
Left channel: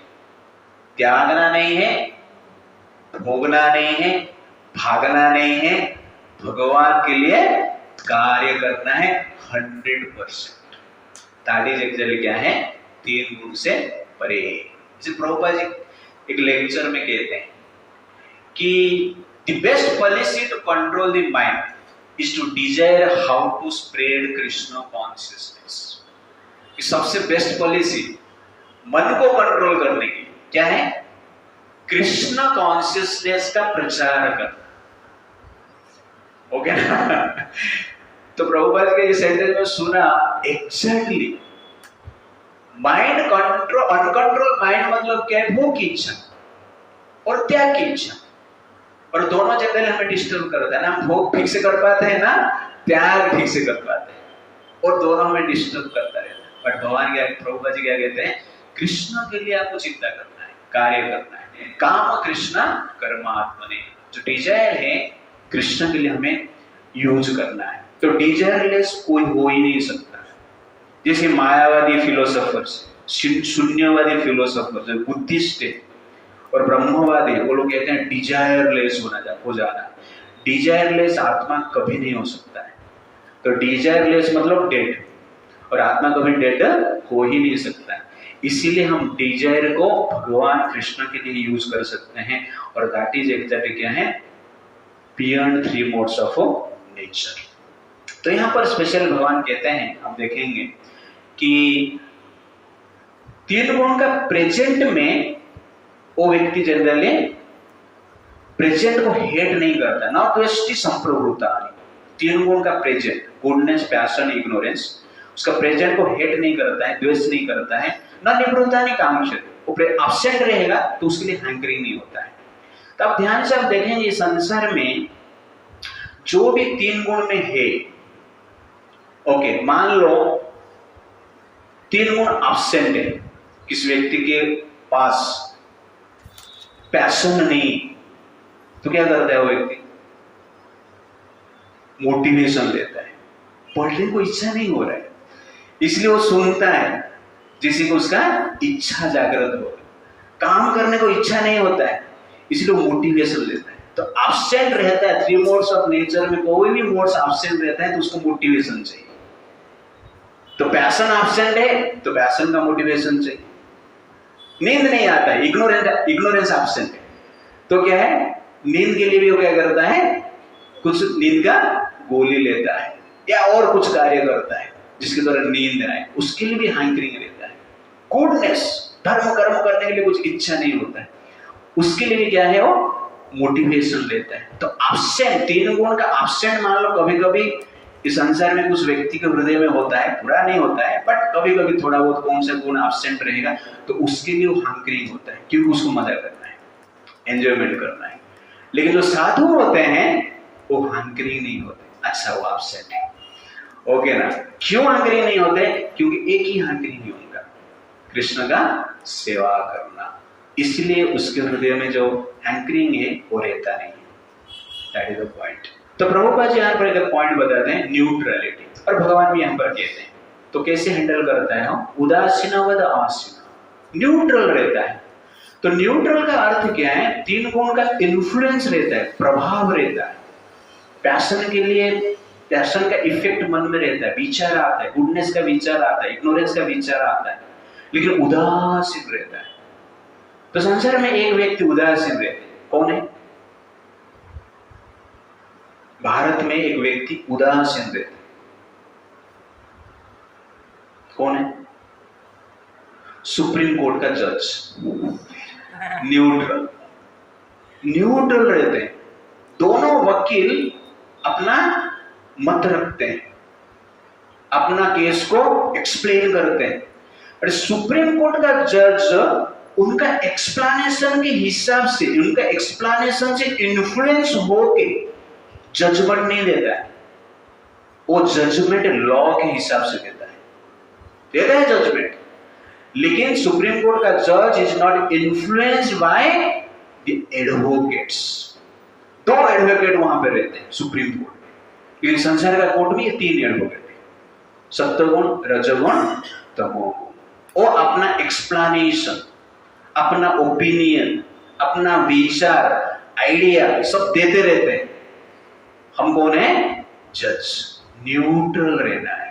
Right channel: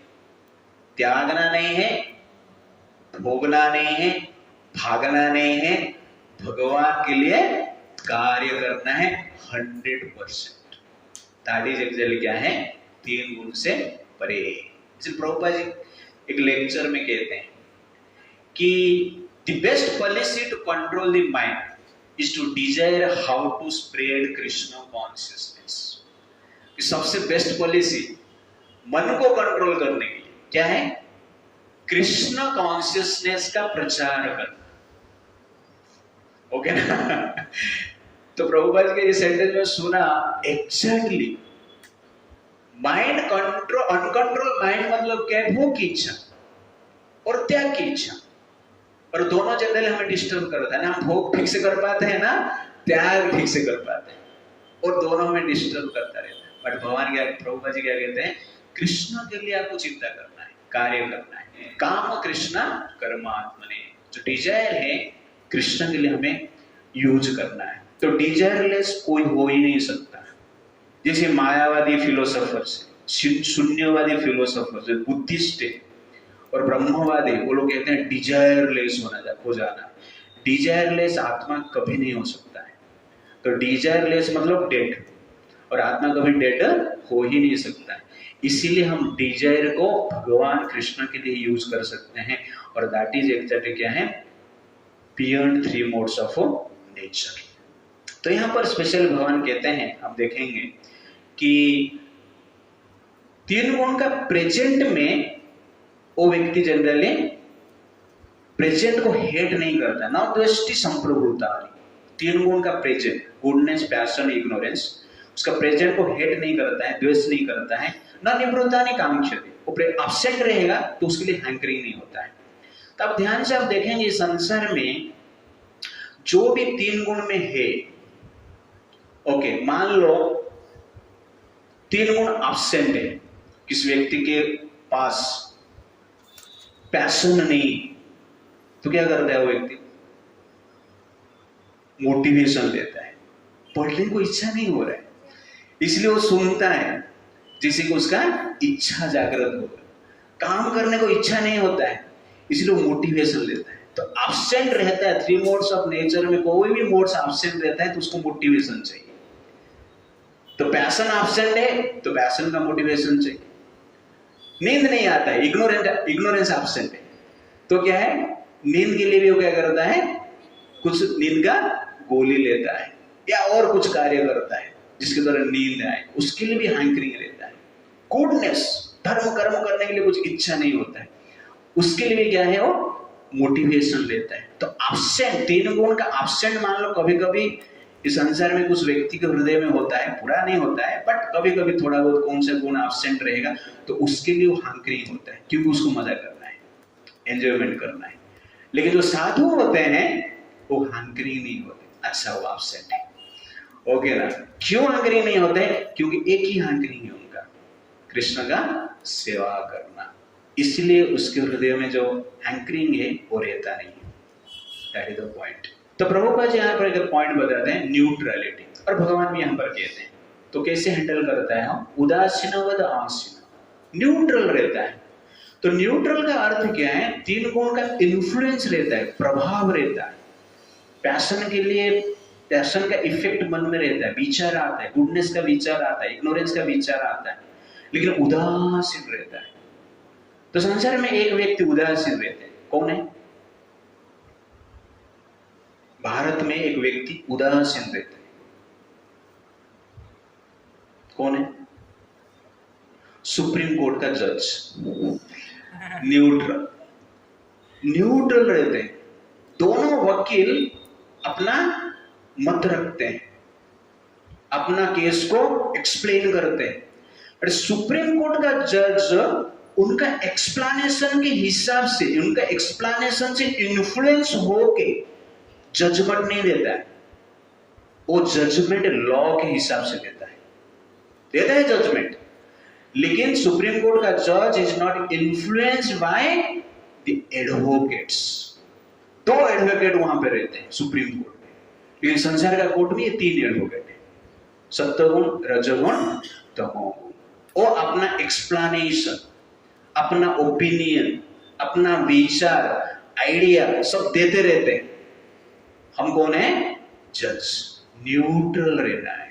त्यागना नहीं है, भोगना नहीं है, भागना नहीं है, भगवान के लिए कार्य करना है 100%। दैट इज एक्चुअली क्या है? 3 गुण से परे। जैसे प्रभुपाद जी एक लेक्चर में कहते हैं कि the best policy to control the mind is to desire how to spread Krishna consciousness. सबसे बेस्ट पॉलिसी मन को कंट्रोल करने की क्या है? कृष्ण कॉन्शियसनेस का प्रचार करना। ओके ना? तो प्रभुपाद के इस सेंटेंस में सुना exactly mind control, uncontrol mind मतलब क्या है? भोग की इच्छा और त्याग की इच्छा, और दोनों जनरली हमें डिस्टर्ब करता है ना। हम भोग ठीक से कर पाते हैं ना, त्याग ठीक से कर पाते हैं, और दोनों हमें डिस्टर्ब करता रहता है। बट भगवान क्या, प्रभुपाद जी क्या कहते हैं? कृष्ण के लिए आपको चिंता करना है, कार्य करना है। काम कृष्ण कर्मात्मने, जो डिजायर है कृष्ण के लिए हमें यूज करना है। तो डिजायरलेस कोई हो ही नहीं सकता। जैसे मायावादी फिलोसोफर्स, शून्यवादी फिलोसोफर्स, बुद्धिस्ट है और ब्रह्मवादी, वो लोग कहते हैं डिजायरलेस हो जाना। डिजायरलेस आत्मा कभी नहीं हो सकता है। तो डिजायरलेस मतलब डेड, और आत्मा कभी डेड हो ही नहीं सकता है। इसीलिए हम डिजायर को भगवान कृष्ण के लिए यूज कर सकते हैं, और दैट इज एग्जैक्टली क्या है, बियॉन्ड 3 मोड्स ऑफ नेचर। तो यहाँ पर स्पेशल भगवान कहते हैं, आप देखेंगे कि 3 गुण का प्रेजेंट में वो व्यक्ति जनरली प्रेजेंट को हेट नहीं करता, ना द्वेष्टि संप्रभुता। 3 गुण का प्रेजेंट, गुडनेस, पैशन, इग्नोरेंस, उसका प्रेजेंट को हेट नहीं करता है, द्वेष नहीं करता है, ना निवृत्ता नहीं कांक्षति। वो अपसेट रहेगा तो उसके लिए हैंकरिंग नहीं होता है। तो आप ध्यान से आप देखेंगे संसार में जो भी 3 गुण में है, ओके, मान लो 3 गुण एब्सेंट है, किस व्यक्ति के पास पैशन नहीं, तो क्या करता है वो व्यक्ति, मोटिवेशन लेता है। पढ़ने को इच्छा नहीं हो रहा है, इसलिए वो सुनता है जिससे कि उसका इच्छा जागृत हो। काम करने को इच्छा नहीं होता है, इसलिए वो मोटिवेशन लेता है। तो एब्सेंट रहता है 3 मोड्स ऑफ नेचर में, कोई भी मोड्स एब्सेंट रहता है तो उसको मोटिवेशन चाहिए। तो पैशन एब्सेंट है तो पैशन का मोटिवेशन चाहिए। नींद नहीं आता है, इग्नोरेंस एब्सेंट है, तो क्या है, नींद के लिए भी वो क्या करता है, कुछ नींद का गोली लेता है या और कुछ कार्य करता है जिसके द्वारा नींद आए, उसके लिए भी हैंकरिंग रहता है। गुडनेस, धर्म कर्म करने के लिए कुछ इच्छा नहीं होता है, उसके लिए क्या है, वो मोटिवेशन लेता है। तो एब्सेंट, 3 गुण का एब्सेंट मान लो कभी कभी इस संसार में कुछ व्यक्ति के हृदय में होता है, पूरा नहीं होता है, बट कभी कभी थोड़ा बहुत कौन सा गुण एब्सेंट रहेगा, तो उसके लिए वो हैंकरिंग होता है, क्योंकि उसको मजा करना है, एंजॉयमेंट करना है। लेकिन जो साधु होते हैं वो हैंकरिंग नहीं होते, अच्छा वो एब्सेंट है, ओके ना। क्यों हैंकरिंग नहीं होते, क्योंकि एक ही हैंकरिंग है उनका, कृष्ण का सेवा करना, इसलिए उसके हृदय में जो हैंकरिंग है वो रहता नहीं। That is the point. तो प्रभुपाद जी यहाँ पर एक पॉइंट बताते हैं, न्यूट्रलिटी, और भगवान भी यहाँ पर कहते हैं। तो कैसे हैंडल करता है हम, उदासीनवद आसीन, न्यूट्रल रहता है। तो न्यूट्रल का अर्थ क्या है, 3 गुण का इन्फ्लुएंस रहता है, प्रभाव रहता है। पैशन के लिए पैशन का इफेक्ट मन में रहता है, विचार आता है, गुडनेस का विचार आता है, इग्नोरेंस का विचार आता है, लेकिन उदासीन रहता है। तो संसार में एक व्यक्ति उदासीन रहते हैं, कौन है, भारत में एक व्यक्ति उदासीन रहते हैं, कौन है, सुप्रीम कोर्ट का जज। न्यूट्रल रहते हैं, दोनों वकील अपना मत रखते हैं, अपना केस को एक्सप्लेन करते हैं। और सुप्रीम कोर्ट का जज उनका एक्सप्लेनेशन के हिसाब से, उनका एक्सप्लेनेशन से इन्फ्लुएंस होके जजमेंट नहीं देता है, वो जजमेंट लॉ के हिसाब से देता है जजमेंट। लेकिन सुप्रीम कोर्ट का जज is not influenced by the advocates. 2 advocate वहां पे रहते हैं सुप्रीम कोर्ट में, लेकिन संसार का कोर्ट में ये 3 एडवोकेट है, सत्वगुण, रजोगुण, तमोगुण। वो अपना एक्सप्लेनेशन, अपना ओपिनियन, अपना विचार, आइडिया सब देते रहते हैं। हम कौन है, जज, न्यूट्रल रहना है।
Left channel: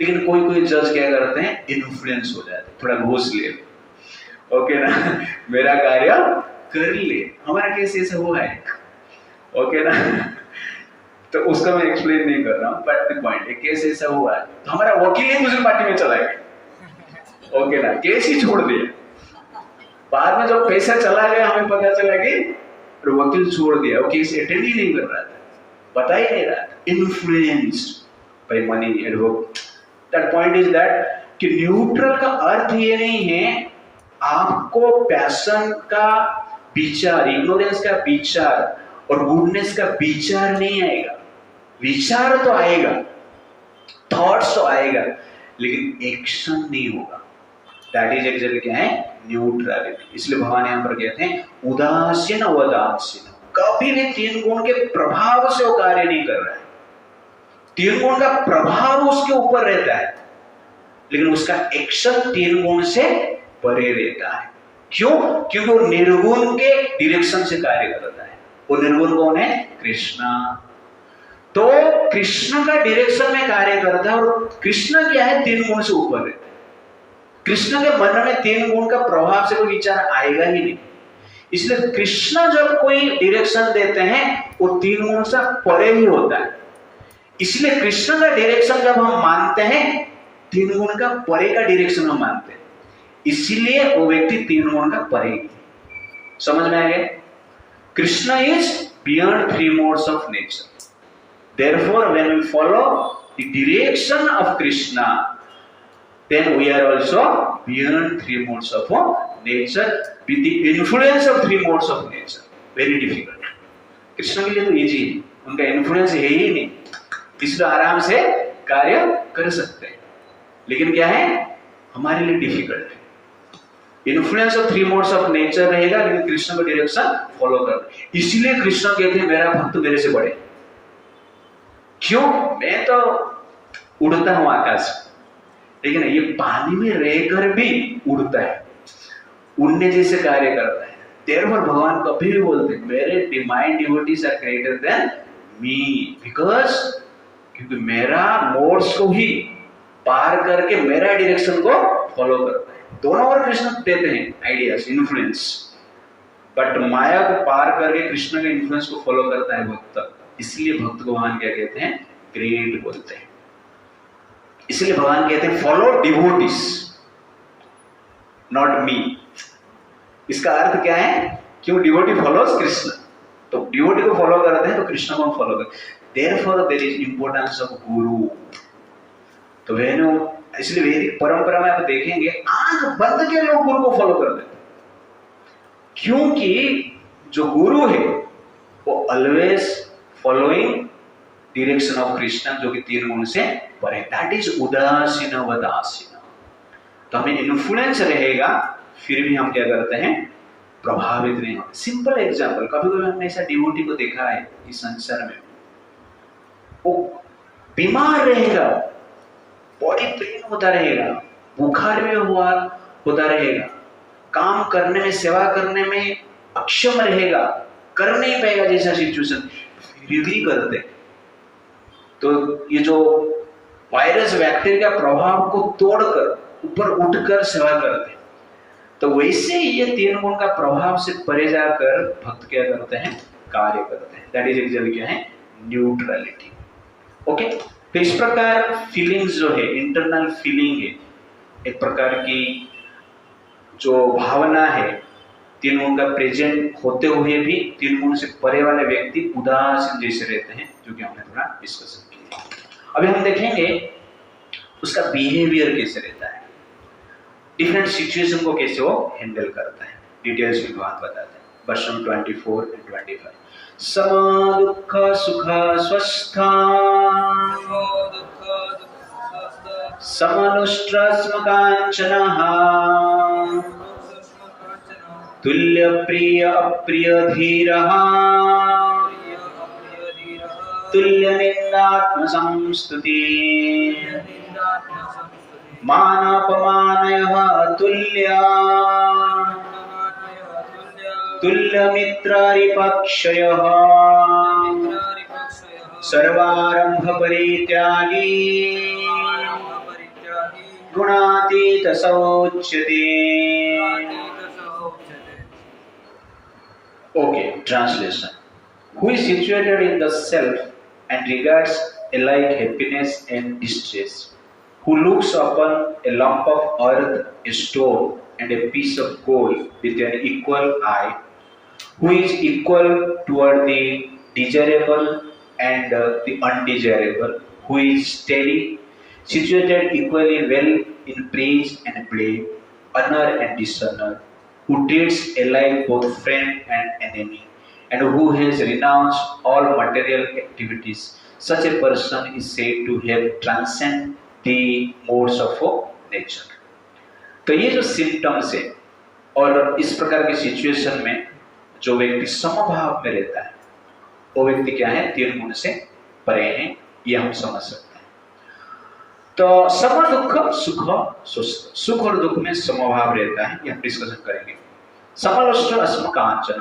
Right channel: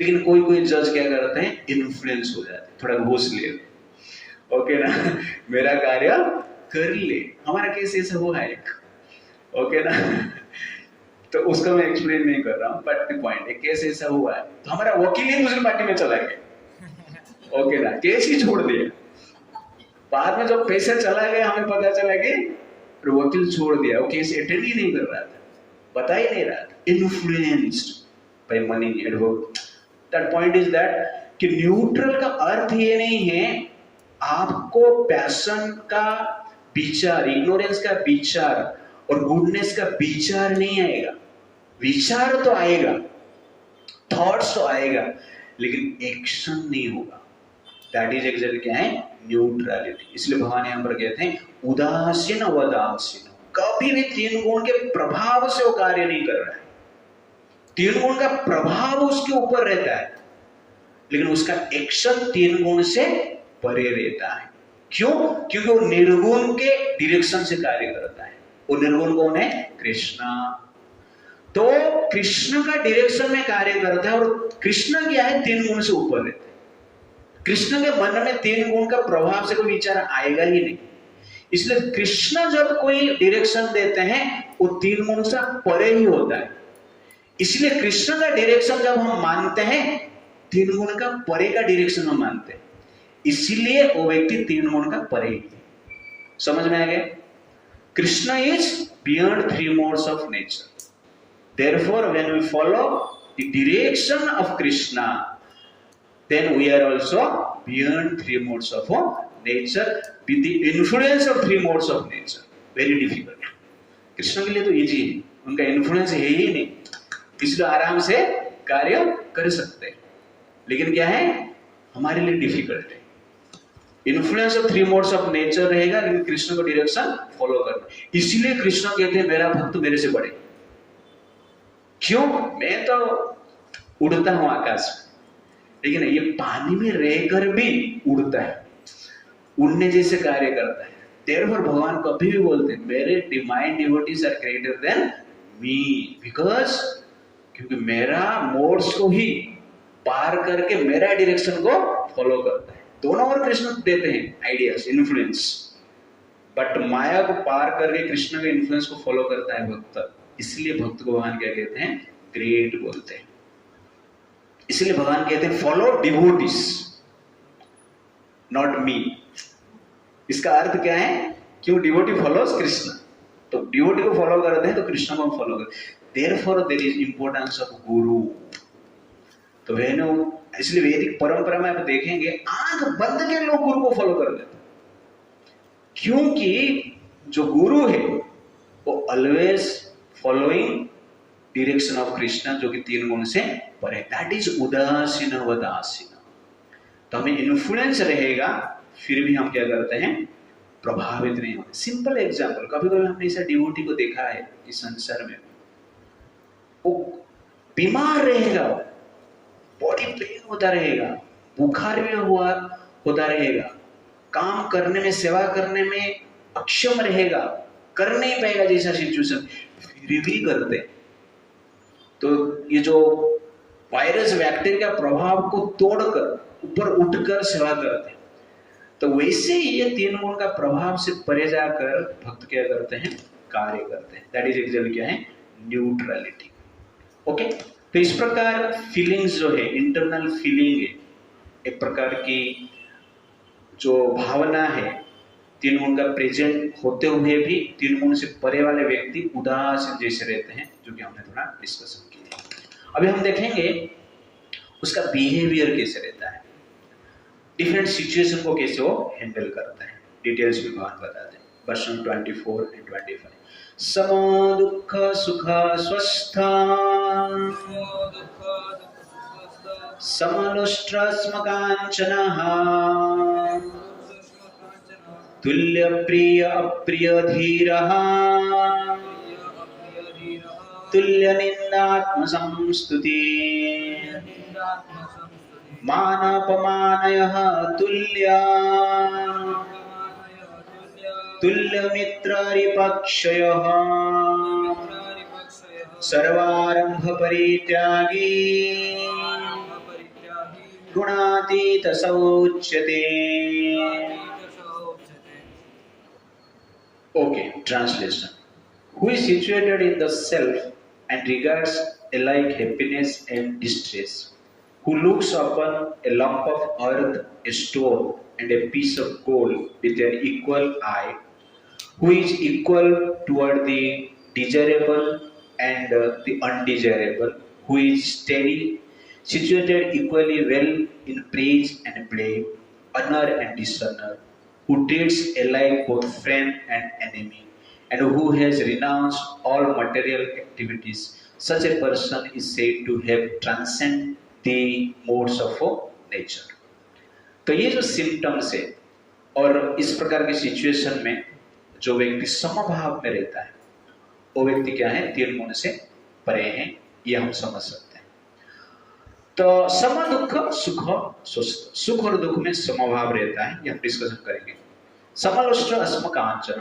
लेकिन कोई जज क्या करते हैं, इन्फ्लुएंस हो जाते हैं, थोड़ा घूस ले, ओके ना, मेरा कार्य कर ले। हमारा केस ऐसे हुआ है, ओके ना, तो उसका मैं एक्सप्लेन नहीं कर रहा हूँ, बट द पॉइंट है, केस ऐसा हुआ है, तो हमारा वकील ही दूसरी पार्टी में चला गया, ओके ना, केस ही छोड़ दिया। बाद में जब पैसा चला गया हमें पता चला कि वकील छोड़ दिया, वो केस अटेंड ही नहीं कर रहा था, बता ही नहीं रहा था, influenced by money, advocate. That point is that कि न्यूट्रल का अर्थ ये नहीं है आपको पैशन का विचार, इग्नोरेंस का विचार और गुडनेस का विचार नहीं आएगा। विचार तो आएगा, थॉट्स तो आएगा, लेकिन एक्शन नहीं होगा। दैट इज एक्चुअली क्या है, न्यूट्रलिटी। इसलिए भगवान यहाँ पर कहते हैं उदासीन वदासीन, कभी भी 3 गुण के प्रभाव से वो कार्य नहीं कर रहा है। तीन गुण का प्रभाव उसके ऊपर रहता है, लेकिन उसका एक्शन तीन गुण से परे रहता है। क्यों? क्योंकि वो निर्गुण के डायरेक्शन से कार्य करता है। वो निर्गुण कौन है? कृष्ण। तो कृष्ण का डायरेक्शन में कार्य करता है, और कृष्ण क्या है? तीन गुण से ऊपर रहता है। कृष्ण के मन में तीन गुण का प्रभाव से कोई विचार आएगा ही नहीं। इसलिए कृष्ण जब कोई डायरेक्शन देते हैं वो तीन गुण से परे ही होता है। इसलिए कृष्ण का डायरेक्शन जब हम मानते हैं, तीन गुण का परे का डायरेक्शन हम मानते हैं, इसलिए वो व्यक्ति तीन गुण का परे ही। समझ में आ गया? Krishna is beyond three modes of nature. Therefore, when we follow the direction of Krishna, then we are also beyond three modes of nature with the influence of three modes of nature. Very difficult. Krishna के लिए तो easy है, उनका influence है ही नहीं, इसलिए आराम से कार्य कर सकते हैं। लेकिन क्या है? हमारे लिए डिफिकल्ट है। Influence of three modes of nature रहेगा, लेकिन कृष्ण का डायरेक्शन फॉलो करना। इसलिए कृष्ण कहते हैं मेरा भक्त मेरे से बड़े। क्यों? मैं तो उड़ता हूं आकाश में, लेकिन ये पानी में रहकर भी उड़ता है, उड़ने जैसे कार्य करता है। Therefore भगवान कभी भी बोलते हैं मेरे divine devotees are greater than me, because क्योंकि मेरा मोड्स को ही पार करके मेरा डायरेक्शन को फॉलो करता है। दोनों और कृष्ण देते हैं आइडियाज, इन्फ्लुएंस, बट माया को पार करके कृष्ण के इन्फ्लुएंस को फॉलो करता है भक्त। इसलिए भक्त को भगवान क्या कहते हैं? ग्रेट बोलते हैं। इसलिए भगवान कहते हैं फॉलो डिवोटीज, नॉट मी। इसका अर्थ क्या है? क्यों? डिवोटी फॉलोज कृष्ण, तो डिवोटी को फॉलो करते हैं तो कृष्ण को फॉलो करते हैं। Therefore there is importance of guru. तो बहनों, इसलिए वैदिक परंपरा में आप देखेंगे आंख बंद के लोग गुरु को फॉलो कर देते हैं, क्योंकि जो गुरु है वो always following direction of Krishna, जो कि तीन गुण से परे। दैट इज उदासीन वदासीन। तो हमें इन्फ्लुएंस रहेगा, फिर भी हम क्या करते हैं? प्रभावित नहीं होते। सिंपल एग्जांपल, कभी कभी हमने ऐसा डिवोटी को देखा है इस संसार में, वो बीमार रहेगा, बॉडी पेन होता रहेगा, बुखार में होता रहेगा, काम करने में, सेवा करने में अक्षम रहेगा, कर नहीं पाएगा जैसा सिचुएशन, फिर भी करते। तो ये जो वायरस बैक्टीरिया प्रभाव को तोड़कर ऊपर उठकर सेवा करते, तो वैसे ये तीन गुण का प्रभाव से परे जाकर भक्त क्या करते हैं? कार्य करते हैं। दैट इज एक्चुअली क्या है? न्यूट्रलिटी। ओके, तो इस प्रकार फीलिंग्स जो है, इंटरनल फीलिंग है, एक प्रकार की जो भावना है, तीन गुण का प्रेजेंट होते हुए भी तीन गुण से परे वाले व्यक्ति उदासीन जैसे रहते हैं, जो कि हमने थोड़ा डिस्कशन किया। अभी हम देखेंगे उसका बिहेवियर कैसे रहता है, डिफरेंट सिचुएशन को कैसे वो हैंडल करता है। डिटेल्स भी भगवान बताते हैं वर्षन 24 and 25। सम दुख सुख स्वस्था समनुष्ट्र स्मकांचनः तुल्य प्रिय अप्रिय धीरः तुल्य निंदात्म संस्तुति मानापमानयः तुल्य तुल्य मित्रारिपक्षयः सर्वारंभ परित्यागी गुणातीत सौच्यते। Okay, translation. Who is situated in the self and regards alike happiness and distress, who looks upon a lump of earth, a stone, and a piece of gold with an equal eye, who is equal toward the desirable and the undesirable, who is steady, situated equally well in praise and blame, honor and dishonor, who treats alike both friend and enemy, and who has renounced all material activities. Such a person is said to have transcended the modes of nature. तो ये जो symptoms है और इस प्रकार की situation में जो व्यक्ति समभाव में रहता है, वो व्यक्ति क्या है? तीन गुण से परे है, ये हम समझ सकते हैं। तो सम दुख सुख स्वस्थ, सुख और दुख में समभाव रहता है, ये हम डिस्कशन करेंगे। समलोष्ट अस्म कांचन,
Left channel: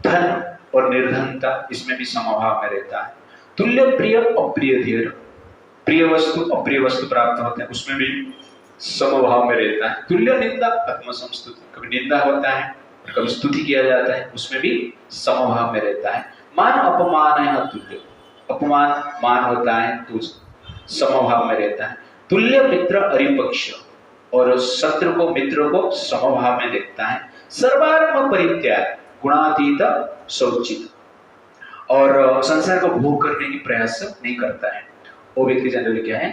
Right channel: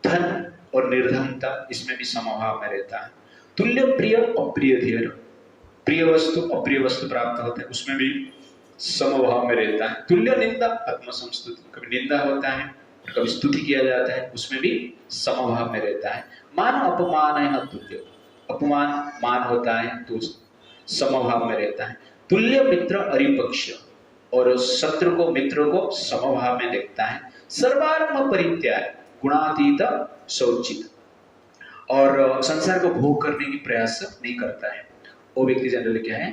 धन और निर्धनता इसमें भी समभाव में रहता है। तुल्य प्रिय अप्रिय धीर, प्रिय वस्तु अप्रिय वस्तु प्राप्त होते हैं, उसमें भी समभाव में रहता है। तुल्य निंदा आत्मसंस्तुति, कभी निंदा होता है और कभी स्तुति किया जाता है, उसमें भी समभाव में रहता है। मान अपमान है तुल्य, अपमान मान होता है तो समभाव में रहता है। तुल्य मित्र अरिपक्ष, और शत्रु को मित्र को समभाव में देखता है। सर्वात्म परित्याग गुणातीत शौचित, और संसार को भोग करने की प्रयास नहीं करता है। वो व्यक्ति जनरली क्या है,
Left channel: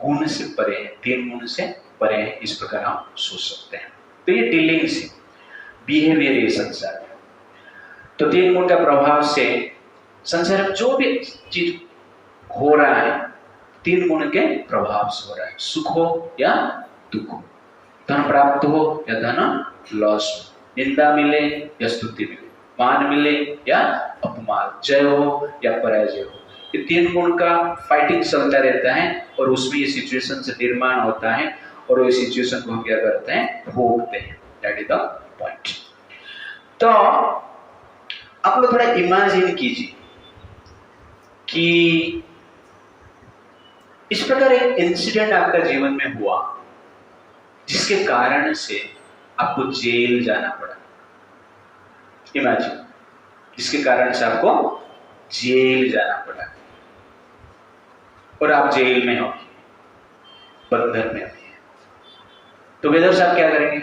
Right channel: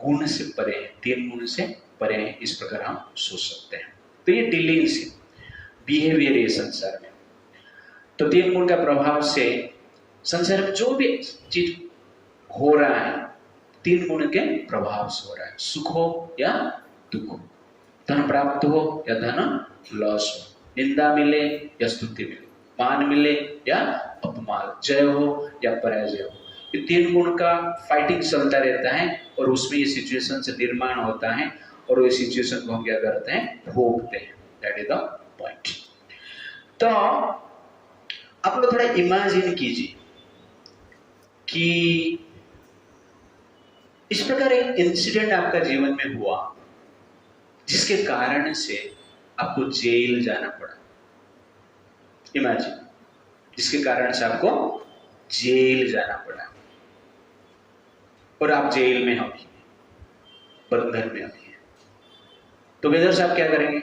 गुण से परे है, 3 गुण से परे है, इस प्रकार हम सोच सकते हैं। तो ये डीलिंग्स है, बिहेवियर है संसार में। तो 3 गुण का प्रभाव से संसार में जो भी चीज हो रहा है 3 गुण के प्रभाव से हो रहा है। सुख हो या दुख हो, धन प्राप्त हो या धन लॉस हो, निंदा मिले या स्तुति मिले, मान मिले या अपमान, जय हो या पराजय हो, ये 3 गुण का फाइटिंग चलता रहता है और उसमें ये सिचुएशन से निर्माण होता है और वो सिचुएशन को हम क्या करते हैं, भोगते हैं। That is the point. तो आप लोग थोड़ा इमेजिन कीजिए कि इस प्रकार एक इंसिडेंट आपका जीवन में हुआ जिसके कारण से आपको जेल जाना पड़ा। इमेजिन, जिसके कारण से आपको जेल जाना पड़ा और आप जेल में हो, बंधन में हो, तो वेदर साहब क्या करेंगे?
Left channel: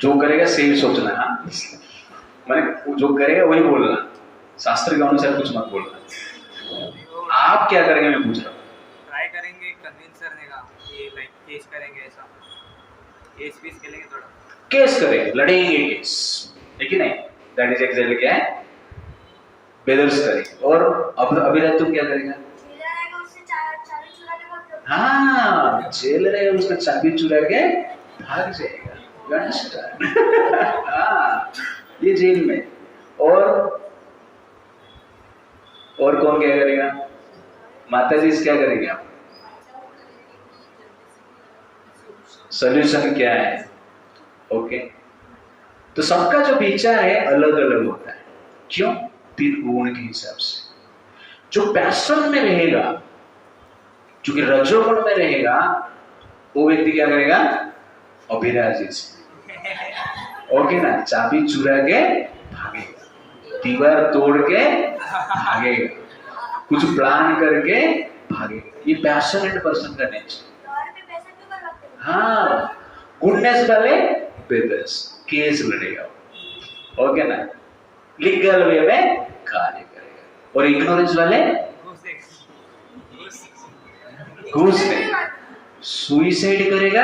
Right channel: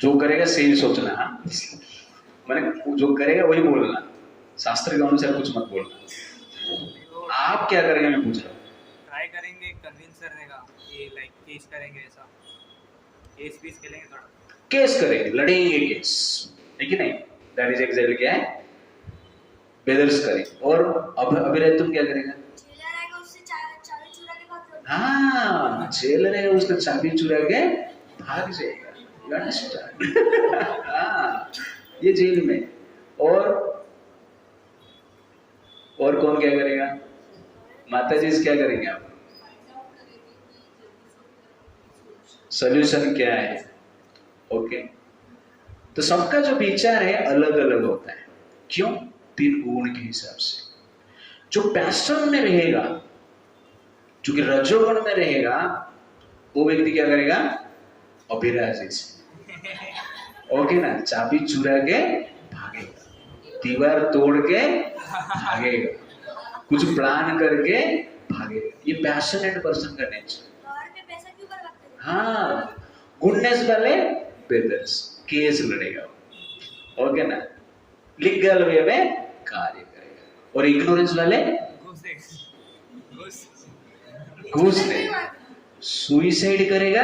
जो करेगा सही सोचना, हाँ मैंने जो करेगा वही बोलना, शास्त्र के अनुसार कुछ मत बोलना। आप क्या करेंगे मैं पूछ रहा हूँ? ट्राई करेंगे कन्विंस करने का, ये लाइक केस करेंगे, ऐसा केस पीस खेलेंगे, थोड़ा केस करेंगे, लड़ेंगे केस, लेकिन नहीं, दैट इज एग्जैक्टली क्या है, वेदर्स करेंगे। और अब अभी तुम क्या करेगा? हाँ, जेल रहेगा, उसका चाबी चुरा के भाग जाएगा। हाँ, ये जेल में। और कौन क्या करेगा? माता जी क्या करेंगे? आप सोल्यूशन क्या है? ओके, तो सबका जो विचार है अलग अलग होता है। क्यों? 3 गुण के हिसाब से। जो पैशन में रहेगा, जो कि रजोगुण में रहेगा, वो व्यक्ति क्या करेगा? अभिराजी से, ओके ना, चाबी चुरा के भागेगा, दीवार तोड़ के भागेगा, कुछ प्लान करके भागेगा। ये पैशनेट पर्सन का नेचर। हाँ, गुडनेस वाले बेदर्स केस लड़ेगा, ओके ना, लीगल वे में कार्य करेगा। और इग्नोरेंस वाले घूस नहीं, सुइसाइड करेगा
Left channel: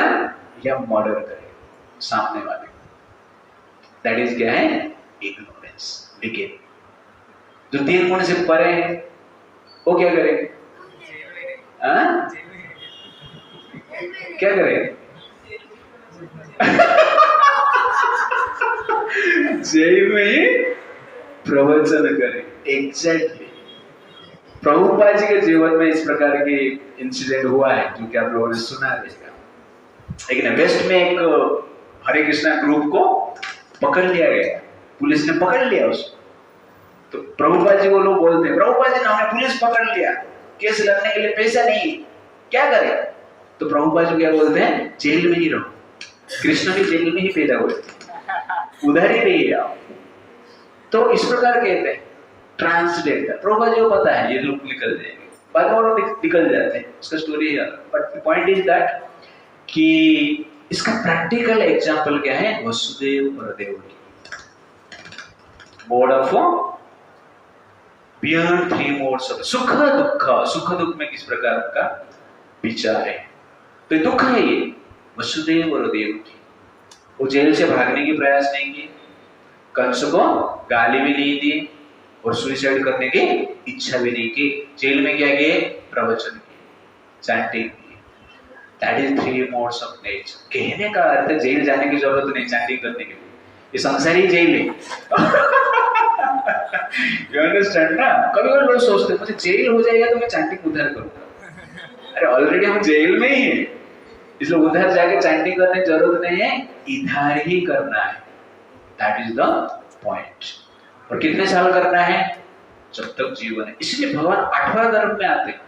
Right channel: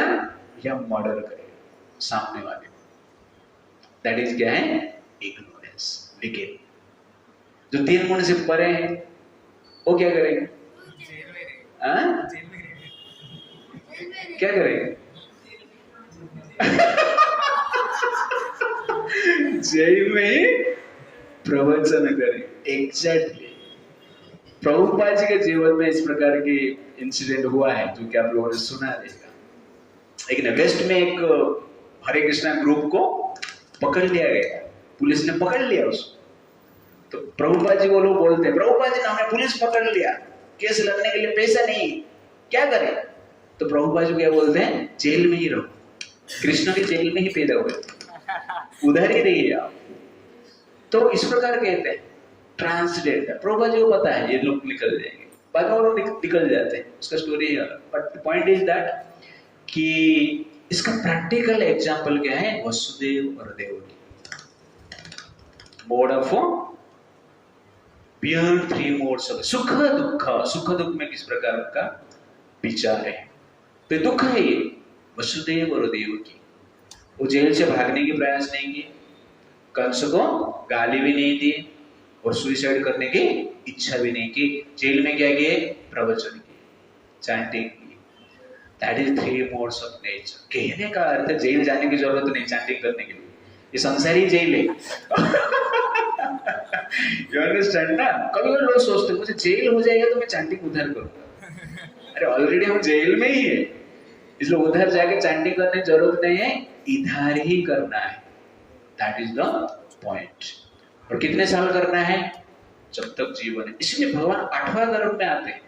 या मर्डर करेगा सामने वाले को। दैट इज क्या है? इग्नोरेंस। लेकिन जो 3 गुण से परे है वो क्या करेंगे? क्या करेंगे? जेल में प्रवचन करें। एग्जैक्टली, प्रभुपाद जी के जीवन में इस प्रकार की इंसिडेंट हुआ है जो कि आप लोगों ने सुना रहेगा। लेकिन वेस्ट में एक हरे कृष्णा ग्रुप को पकड़ लिया गया, पुलिस ने पकड़ लिया उसको। तो प्रभुपाद जी को लोग बोलते हैं, प्रभुपाद जी ने हमें पुलिस पकड़ लिया, केस लड़ने के लिए पैसा नहीं, क्या करें? तो प्रभुपाद जी क्या बोलते हैं? जेल में ही रहो। कृष्ण भी जेल में ही पैदा हुए, उधर ही रहिए आप। तो इस प्रकार कहते हैं ट्रांसजेंडर। प्रभुपाद जी को पता है ये लोग निकल जाएंगे, बाद में लोग निकल जाते हैं, उसका स्टोरी है। बट पॉइंट इज दैट कि इसका प्रैक्टिकल एग्जांपल क्या है? वसुदेव और Devaki, mode of beyond 3 modes of सुख दुख। सुख दुख में किस प्रकार का विचार है? तो दुख है ये वसुदेव और देवकी। वो जेल से भागने की प्रयास नहीं की, कंस को गाली भी नहीं दी और सुइसाइड करने की इच्छा भी नहीं की। जेल में क्या किए? प्रवचन किए, चैंटिंग की। That is 3 modes of nature. कहने का अर्थ जेल जाने की जरूरत नहीं चैंटिंग करने के लिए, ये संसारी जेल है। यू अंडरस्टैंड ना? कभी कभी लोग सोचते हैं मुझे जेल हो जाएगा तो मैं चैंटिंग उधर करूंगा। अरे ऑलरेडी हम जेल में ही है, इसलिए उधर जाके चैंटिंग करने की जरूरत नहीं है, इधर ही करना है। That is the point. और कितने साल करना है? जब तक जीवन है। इसलिए भगवान 8वां गर्भ में आते हैं।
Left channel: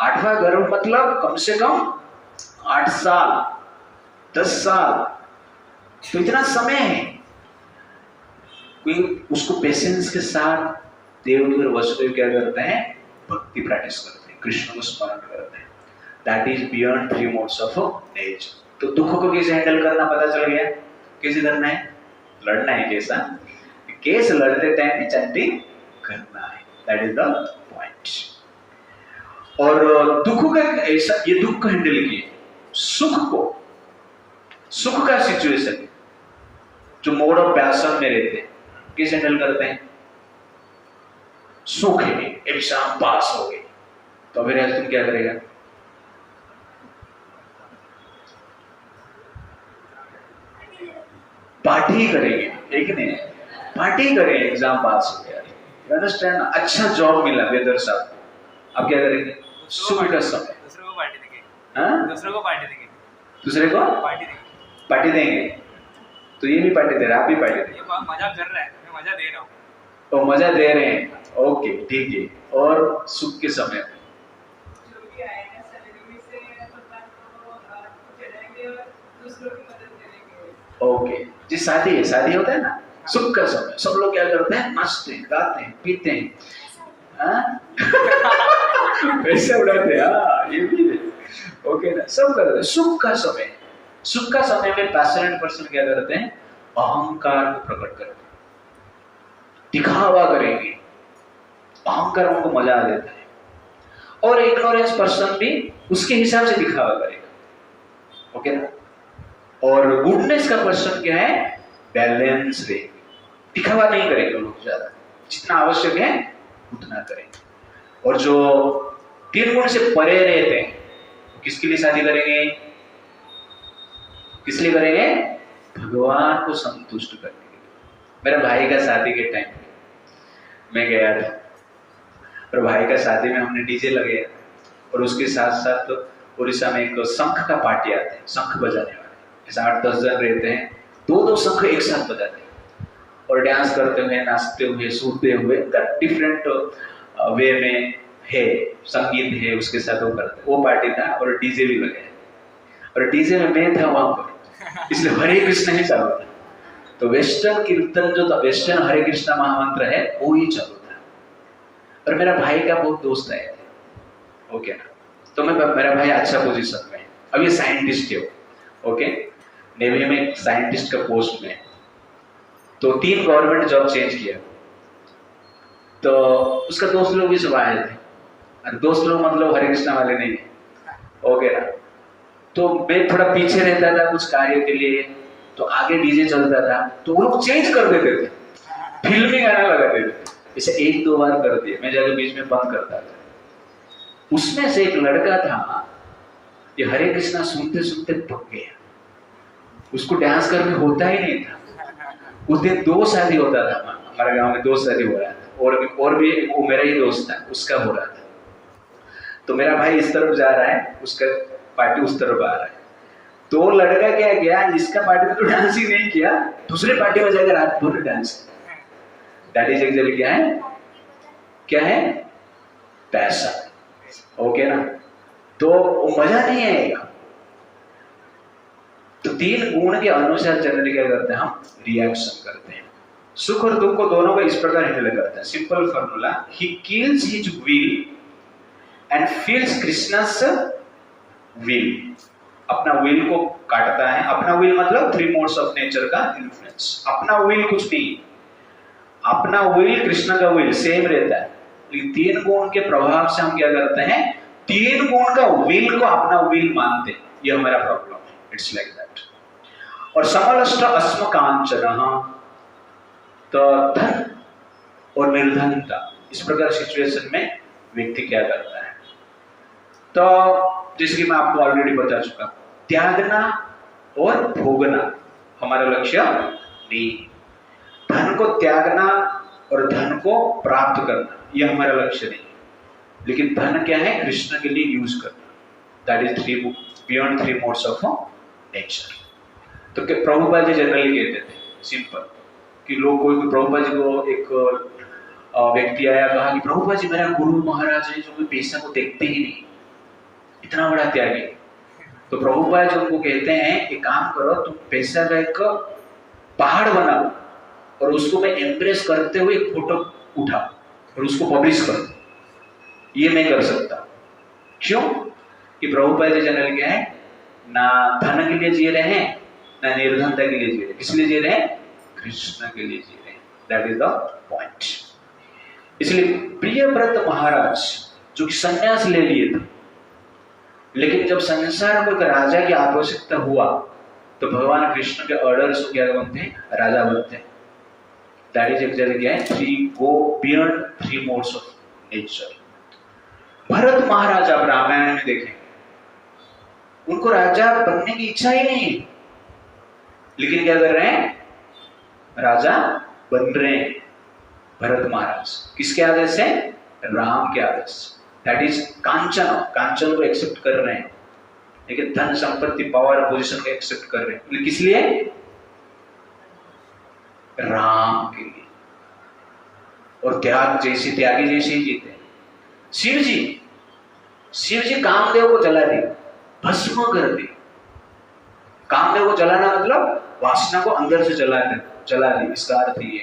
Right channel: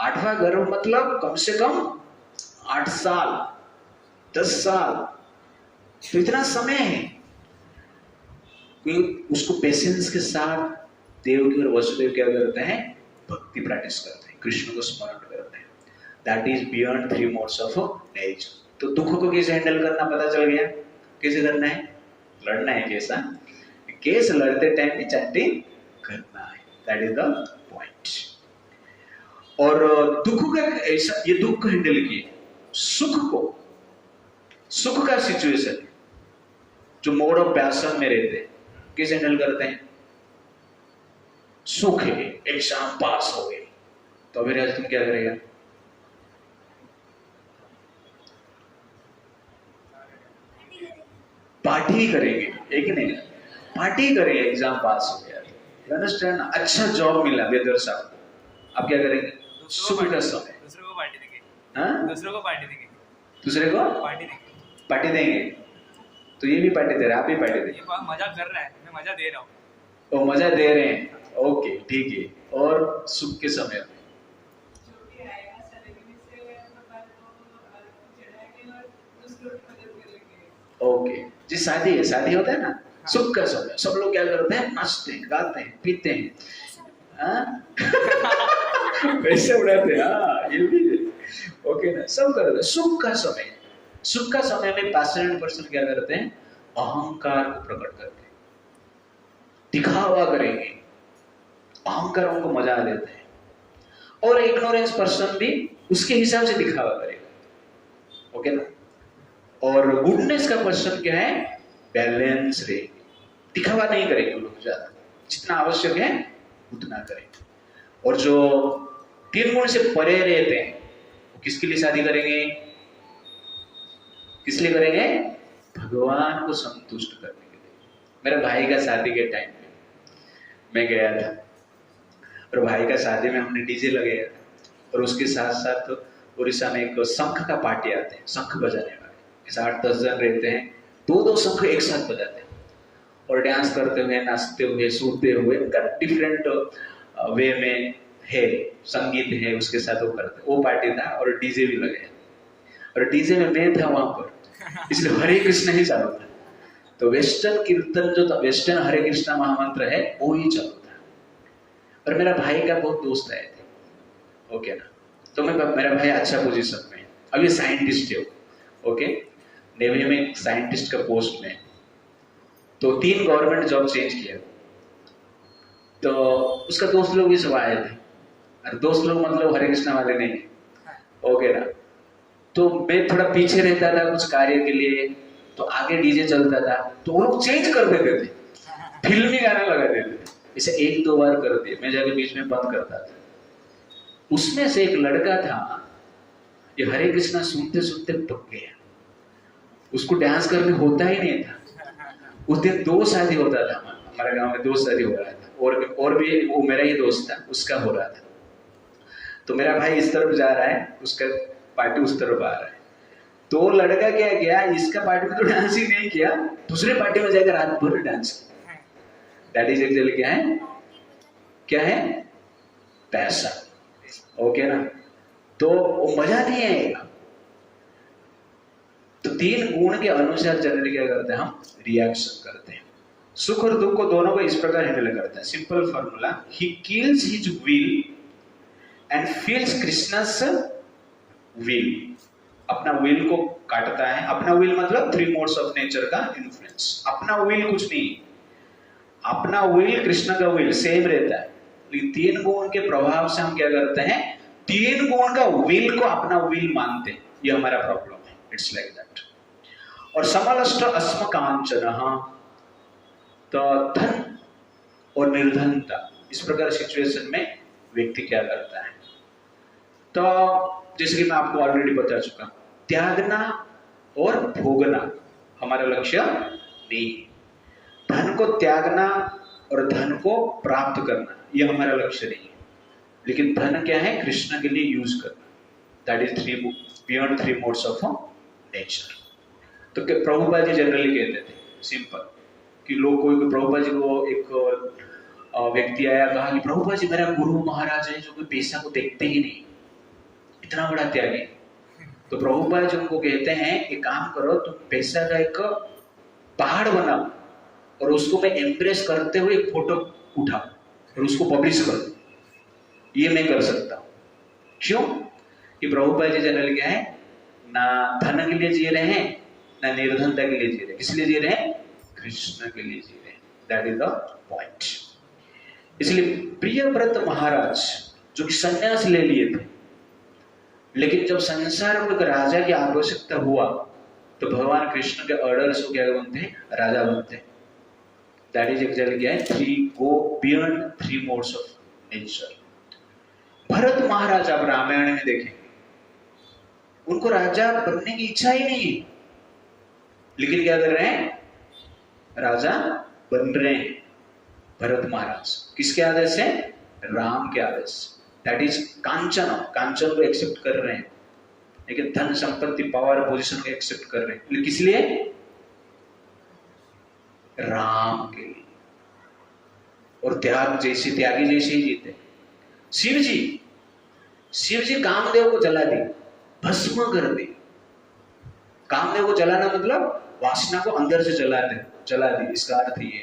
8वां गर्भ मतलब कम से कम 8 साल 10 साल, तो इतना समय है। कोई उसको पेशेंस के साथ देवकी और वसुदेव क्या करते हैं? भक्ति प्रैक्टिस करते हैं, कृष्ण को स्मरण करते हैं। That is beyond 3 modes of nature. तो दुख को कैसे हैंडल करना पता चल गया, कैसे करना है? लड़ना है। कैसा? केस लड़ते टाइम भी चैंटिंग करना है। That is the point. और दुख का ऐसा, ये दुख को हैंडल किए। सुख का सिचुएशन जो मोड ऑफ पैशन में रहते हैं, कैसे हैंडल करते हैं? सुख है, एग्जाम पास हो गए, तो मेरे हस्बैंड क्या करेगा? पार्टी करेंगे, एक नहीं, पार्टी करेंगे, एग्जाम पास हो गया, अंडरस्टैंड? अच्छा जॉब मिला वेदर साहब, अब क्या करेंगे? सुख का समय। दूसरे को पार्टी देंगे। हाँ? दूसरे को पार्टी देंगे। दूसरे को पार्टी देंगे। पार्टी देंगे। तो ये भी पार्टी दे रहा है, आप भी पार्टी दे ये मजाक कर रहा है, मैं मजा दे रहा हूँ। तो मजा दे रहे हैं, ओके ठीक है। और सुख के समय जो भी आएगा सैलरी में से भगवान को चढ़ाएंगे और दूसरों की मदद करेंगे। ओके जी, शादी है, शादी होता है ना, सुख का समय, सब लोग क्या करते हैं? नाचते हैं, गाते हैं, पीते हैं, पैसे उड़ाते हैं। हाँ, ये भी है। ओके ना, सब करते हैं। सुख का समय, सुख का समय में पैशनेट पर्सन क्या करते हैं? अहंकार को प्रकट करते हैं, दिखावा करेंगे, अहंकार उनको मजा देता है। और इग्नोरेंस पर्सन भी उसके हिसाब से दिखावा करेगा। ओके ना? और गुडनेस का पर्सन क्या है? बैलेंस रहेगा, दिखावा नहीं करेंगे लोग, ज्यादा जितना आवश्यक है उतना करेंगे। और जो 3 गुण से परे रहते हैं, किसके लिए शादी करेंगे? किस लिए करेंगे? भगवान को संतुष्ट करने के लिए। मेरे भाई का शादी के टाइम मैं गया था, और भाई का शादी में हमने डीजे लगाया, और उसके साथ साथ उड़ीसा में एक शंख का पार्टी आते हैं, शंख बजाने वाले, ऐसे 8-10 जन रहते हैं, 2-2 शंख एक साथ बजाते हैं, और डांस करते हुए, नाचते हुए, सूरते हुए, डिफरेंट वे में है, संगीत है, उसके साथ वो करते। वो पार्टी था, और डीजे भी लगे, और डीजे में मैं था वहां पर, इसलिए हरे कृष्ण ही चल रहा था। तो वेस्टर्न कीर्तन जो था, वेस्टर्न हरे कृष्णा महामंत्र है, वो ही चल रहा था। और मेरा भाई का बहुत दोस्त है, ओके ना? तो मेरा भाई अच्छा पोजीशन में, अब ये साइंटिस्ट है, ओके, नेवी में साइंटिस्ट का पोस्ट में, तो 3 गवर्नमेंट जॉब चेंज किया। तो उसका दोस्त लोग भी सब आए थे, और दोस्त लोग मतलब हरे कृष्णा वाले नहीं, ओके ना? तो मैं थोड़ा पीछे रहता था कुछ कार्य के लिए, तो आगे डीजे चलता था, तो वो लोग चेंज कर देते थे, फिल्मी गाना लगाते थे, इसे 1-2 बार कर दिया, मैं जाके बीच में बंद करता था। उसमें से एक लड़का था, ये हरे कृष्णा सुनते सुनते पक गया, उसको डांस करने होता ही नहीं था। उस दिन 2 शादी होता था, हमारे गांव में 2 शादी हो रहा था, और भी वो मेरा ही दोस्त था, उसका हो रहा था। तो मेरा भाई इस तरफ जा रहा है, उसका पार्टी उस तरफ आ रहा है। तो लड़का क्या किया, इसका पार्टी में तो डांस ही नहीं किया, दूसरे पार्टी में जाकर रात भर डांस किया। दैट इज एक्चुअली क्या है? क्या है? पैसा, ओके ना? तो मजा नहीं आएगा। तो 3 गुण के अनुसार जनरली क्या करते हैं? हम रिएक्शन करते हैं। सुख और दुख को दोनों को इस प्रकार हैंडल करते हैं। Simple formula, he kills his will and feels Krishna's will. अपना विल को काटता है, अपना विल मतलब 3 मोड्स ऑफ नेचर का इन्फ्लुएंस। अपना विल कुछ नहीं, अपना विल कृष्ण का विल सेम रहता है, लेकिन 3 गुण के प्रभाव से हम क्या करते हैं? 3 गुण का विल को अपना विल मानते हैं। ये हमारा प्रॉब्लम है, इट्स लाइक दैट। और समलष्ट अस्म कांचन, तो धन और निर्धनता, इस प्रकार सिचुएशन में व्यक्ति क्या करता है? तो जैसे कि मैं आपको ऑलरेडी बता चुका, त्यागना और भोगना हमारा लक्ष्य नहीं। धन को त्यागना और धन को प्राप्त करना, ये हमारा लक्ष्य नहीं है। लेकिन धन क्या है? कृष्ण के लिए यूज करना। That is beyond 3 modes of nature. तो प्रभुपाद जी जनरली कहते थे सिंपल कि लोग कोई प्रभुपाद जी को एक व्यक्ति आया, कहा कि प्रभुपाद जी मेरा गुरु महाराज है जो कोई पैसा को देखते ही नहीं, इतना बड़ा त्यागी। तो प्रभुपाद जी उनको कहते हैं कि काम करो, तुम पैसा का एक पहाड़ बनाओ और उसको मैं इम्प्रेस करते हुए एक फोटो उठाओ और उसको पब्लिश कर दो। ये मैं कर सकता हूँ। क्यों? कि प्रभुपाद जी जनरल क्या है, ना धन के लिए जी रहे हैं ना निर्धनता के लिए जी रहे हैं। किस लिए जी रहे हैं? कृष्ण के लिए जी रहे हैं। That is the point. इसलिए प्रियव्रत महाराज जो कि संन्यास ले लिए थे, लेकिन जब संसार में एक राजा की आवश्यकता हुआ तो भगवान कृष्ण के ऑर्डर्स को क्या बनते? राजा बनते। दैट इज एक्चुअली क्या है? 3 go beyond 3 modes of nature। Bharat महाराज आप रामायण में देखें, उनको राजा बनने की इच्छा ही नहीं है, लेकिन क्या कर रहे हैं? राजा बन रहे हैं। भरत महाराज किसके आदेश से? राम के आदेश से। दैट इज कांचन, कांचन को एक्सेप्ट कर रहे हैं, लेकिन धन संपत्ति पावर पोजीशन को एक्सेप्ट कर रहे हैं। लेकिन किस लिए? राम के लिए। और त्याग जैसे त्यागी जैसे ही जीते। शिव जी कामदेव को जला दिया, भस्म कर दी। कामदेव को जलाना मतलब वासना को अंदर से जला दी, इसका अर्थ ये।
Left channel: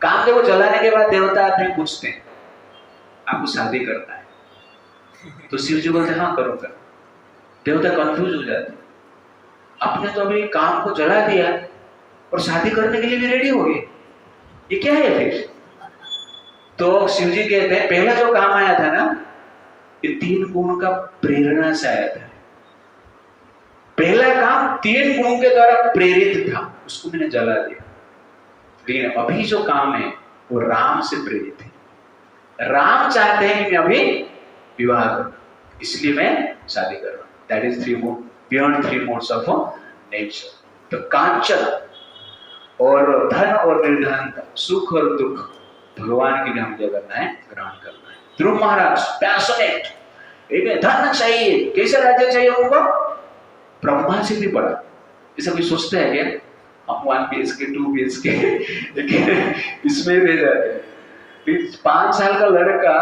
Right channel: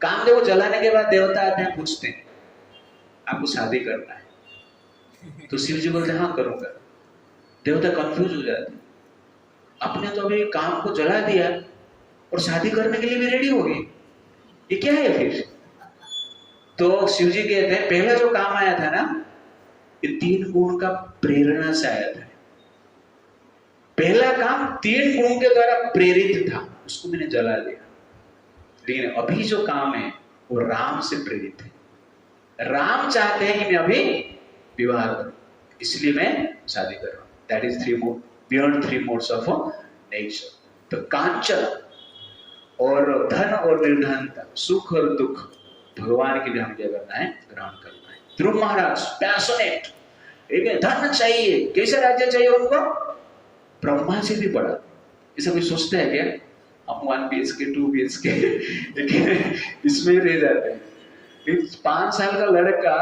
कामदेव को जलाने के बाद देवता आते हैं, पूछते हैं आपको शादी करना है? तो शिव जी बोलते हैं हाँ करो करो। देवता कंफ्यूज हो जाते, आपने तो अभी काम को जला दिया और शादी करने के लिए भी रेडी हो गए, ये क्या है फिर? तो शिव जी कहते हैं पहला जो काम आया था ना, ये 3 गुण का प्रेरणा से आया था। पहला काम 3 गुणों के द्वारा प्रेरित था, उसको मैंने जला दिया। लेकिन अभी जो काम है वो राम से प्रेरित है। राम चाहते हैं कि मैं अभी विवाह करूं, इसलिए मैं शादी कर रहा हूं। That is 3 mode beyond 3 modes of nature. तो कांचन और धन और निर्धनता, सुख और दुख भगवान के लिए हमें क्या करना है? ग्रहण करना है। ध्रुव महाराज पैशनेट, एक धन चाहिए, कैसे राज्य चाहिए उनको? ब्रह्मा जी भी बड़ा। ऐसा कोई सोचता है क्या? हम 1 BHK 2 BHK इसमें रह जाते हैं। 5 साल का लड़का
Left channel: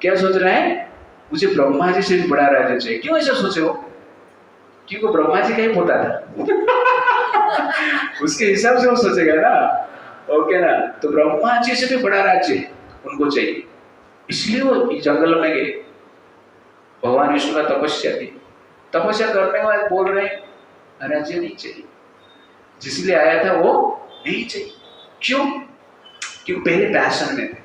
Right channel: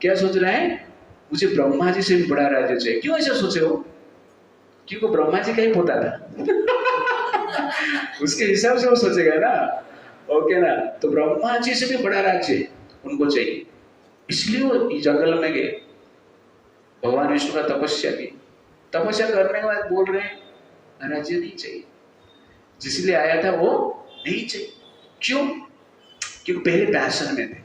क्या सोच रहा है? मुझे ब्रह्मा जी से भी बड़ा राज्य चाहिए। क्यों ऐसा सोचे हो? क्योंकि ब्रह्मा जी का ही पोता था उसके हिसाब से वो सोचेगा ना, ओके ना? तो ब्रह्मा जी से भी बड़ा राज्य उनको चाहिए, इसलिए वो जंगल में गए। भगवान विष्णु का तपस्या की, तपस्या करने के बाद बोल रहे हैं राज्य नहीं चाहिए, जिसलिए आया था वो नहीं चाहिए। क्यों? क्योंकि पहले पैशन में थे।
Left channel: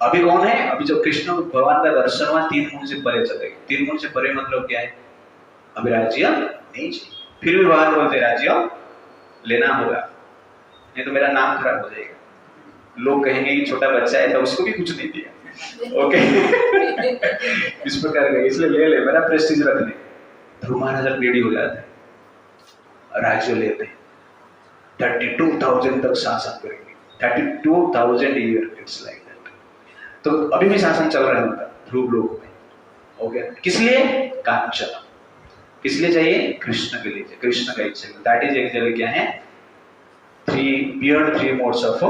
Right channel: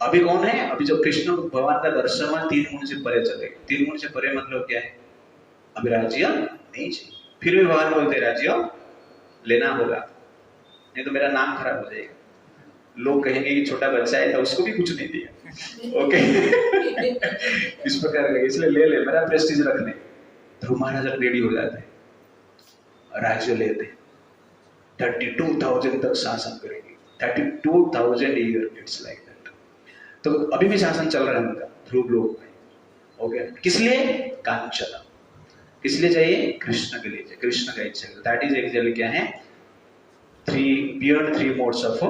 अभी कौन है? अभी जो कृष्ण भगवान का दर्शन हुआ 3 गुण से परे चले गए। 3 गुण से परे मतलब क्या है? अभी राज्य नहीं चाहिए। फिर भी भगवान बोलते राज्य लेना होगा, नहीं तो मेरा नाम खराब हो जाएगा। लोग कहेंगे कि छोटा बच्चा है तो उसको भी कुछ नहीं दिया। ओके इस प्रकार के, इसलिए ले मेरा प्रेस्टीज रख ले। ध्रुव महाराज रेडी हो जाते हैं, राज्य लेते हैं, 32,000 तक शासन करेंगे। 32,000 ईयर, इट्स लाइक दैट। तो अभी भी शासन चल रहा है उनका ध्रुव लोक में। ओके, किस लिए? कांचन। किस लिए चाहिए? कृष्ण के लिए, कृष्ण का इच्छा। दैट इज एक्चुअली क्या है? 3 modes of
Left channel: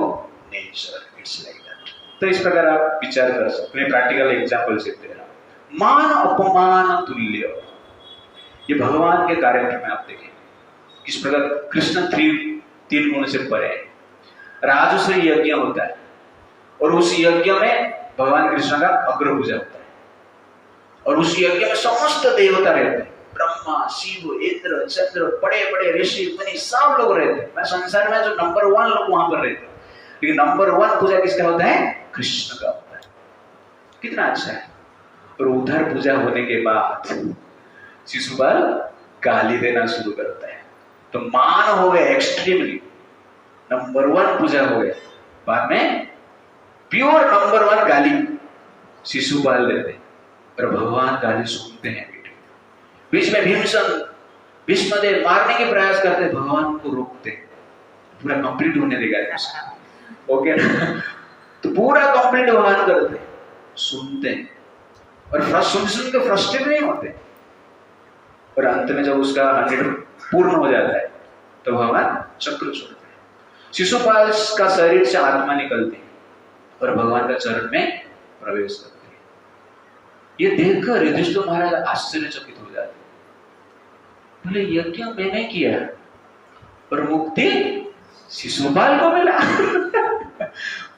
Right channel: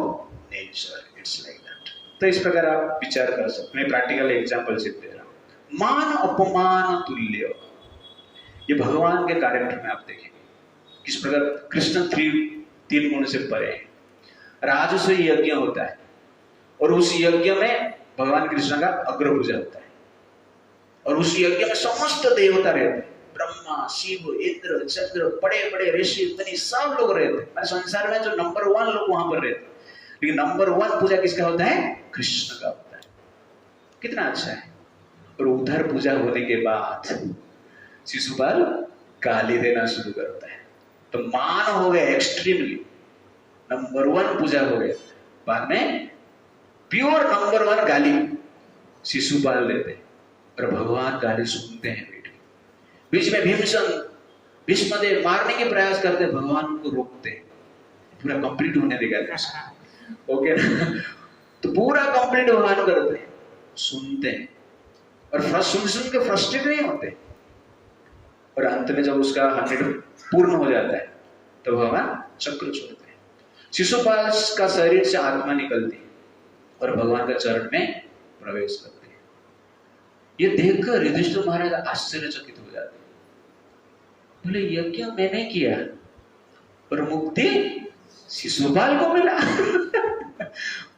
nature, it's like that. तो इस प्रकार आप विचार कर सकते हैं। प्रैक्टिकल एग्जांपल से दे रहा हूं। मान अपमान तुल्य, ये भगवान के कैरेक्टर में आप देखें किस प्रकार कृष्ण 3 गुण से परे है। राजसूय यज्ञ होता है और उस यज्ञ में भगवान कृष्ण का अग्र पूजा होता है, और उस यज्ञ में समस्त देवता रहते हैं। ब्रह्मा, शिव, इंद्र, चंद्र, बड़े बड़े ऋषि मुनि सब लोग रहते हैं। संसार में जो नंबर 1 लोग वहां पर रहते हैं, लेकिन नंबर 1 पूजा किसका होता है? कृष्ण का होता है। कितना अच्छा है। और उधर पूजा होने के बाद शिशुपाल गाली देना शुरू करता है। तो मान हो गए एक्सट्रीमली, नंबर 1 पूजा हो गए, बाद में प्योर नंबर 1 गाली शिशुपाल देते हैं। और भगवान गाली सुनते हैं। बीच में भीष्मदेव मारने के प्रयास करते, भगवान को रोकते, पूरा कंप्लीट होने देगा। ओके ना? तो पूरा कंप्लीट भगवान करते हैं, सुनते हैं और सुन के फ्रस्ट्रेट नहीं होते, और अंत में जब उसका 100 पूर्ण हो जाता है तो भगवान चक्र छोड़ते हैं। शिशुपाल का शरीर से आत्मा निकलती है और भगवान का चरण में प्रवेश करते हैं। ये देखकर युधिष्ठिर महाराज आश्चर्यचकित हो जाते हैं, बोले यज्ञ मैंने किया और मुक्ति शिशुपाल को मिला।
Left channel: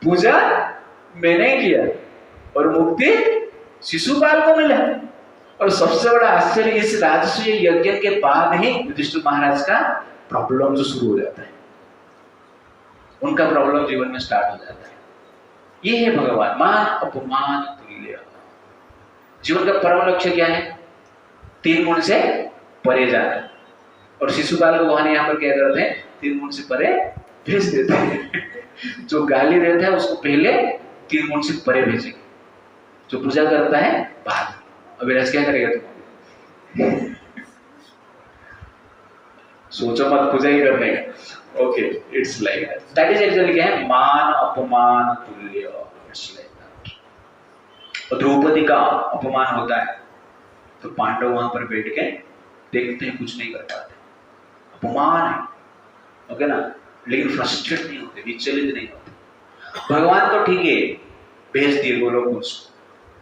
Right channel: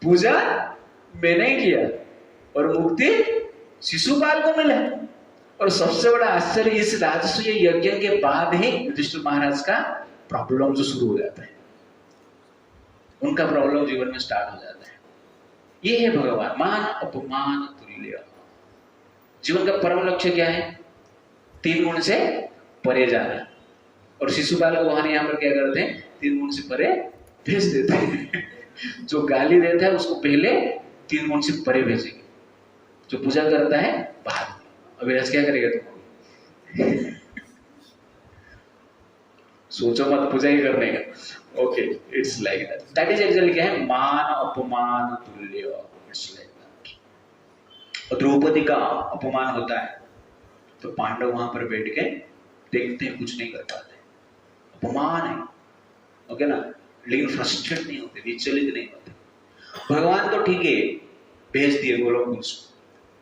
पूजा मैंने किया और मुक्ति शिशुपाल को मिला। और सबसे बड़ा आश्चर्य, इस राजसूय यज्ञ के बाद ही युधिष्ठिर महाराज का प्रॉब्लम जो शुरू हो जाता है, उनका प्रॉब्लम जीवन में स्टार्ट हो जाता है। ये है भगवान, मान अपमान तुल्य। जीवन का परम लक्ष्य क्या है? 3 गुण से परे जाना। और शिशुपाल को भगवान यहाँ पर क्या करते हैं? 3 गुण से परे भेज देते हैं। जो गाली देता है उसको पहले 3 गुण से परे भेजेंगे, जो पूजा करता है बाद। अभिलाष क्या करेगा तुम? सोचो मत, पूजा ही करने का। Okay, it's like that is actually क्या है? मान अपमान तुल्य। It's like that. द्रौपदी का अपमान होता है तो पांडव वहां पर बैठ के देखते हैं, कुछ नहीं कर पाते, अपमान है, ओके ना, लेकिन फ्रस्ट्रेट नहीं होते, विचलित नहीं होते। भगवान तो ठीक है भेज दिए गोलोक,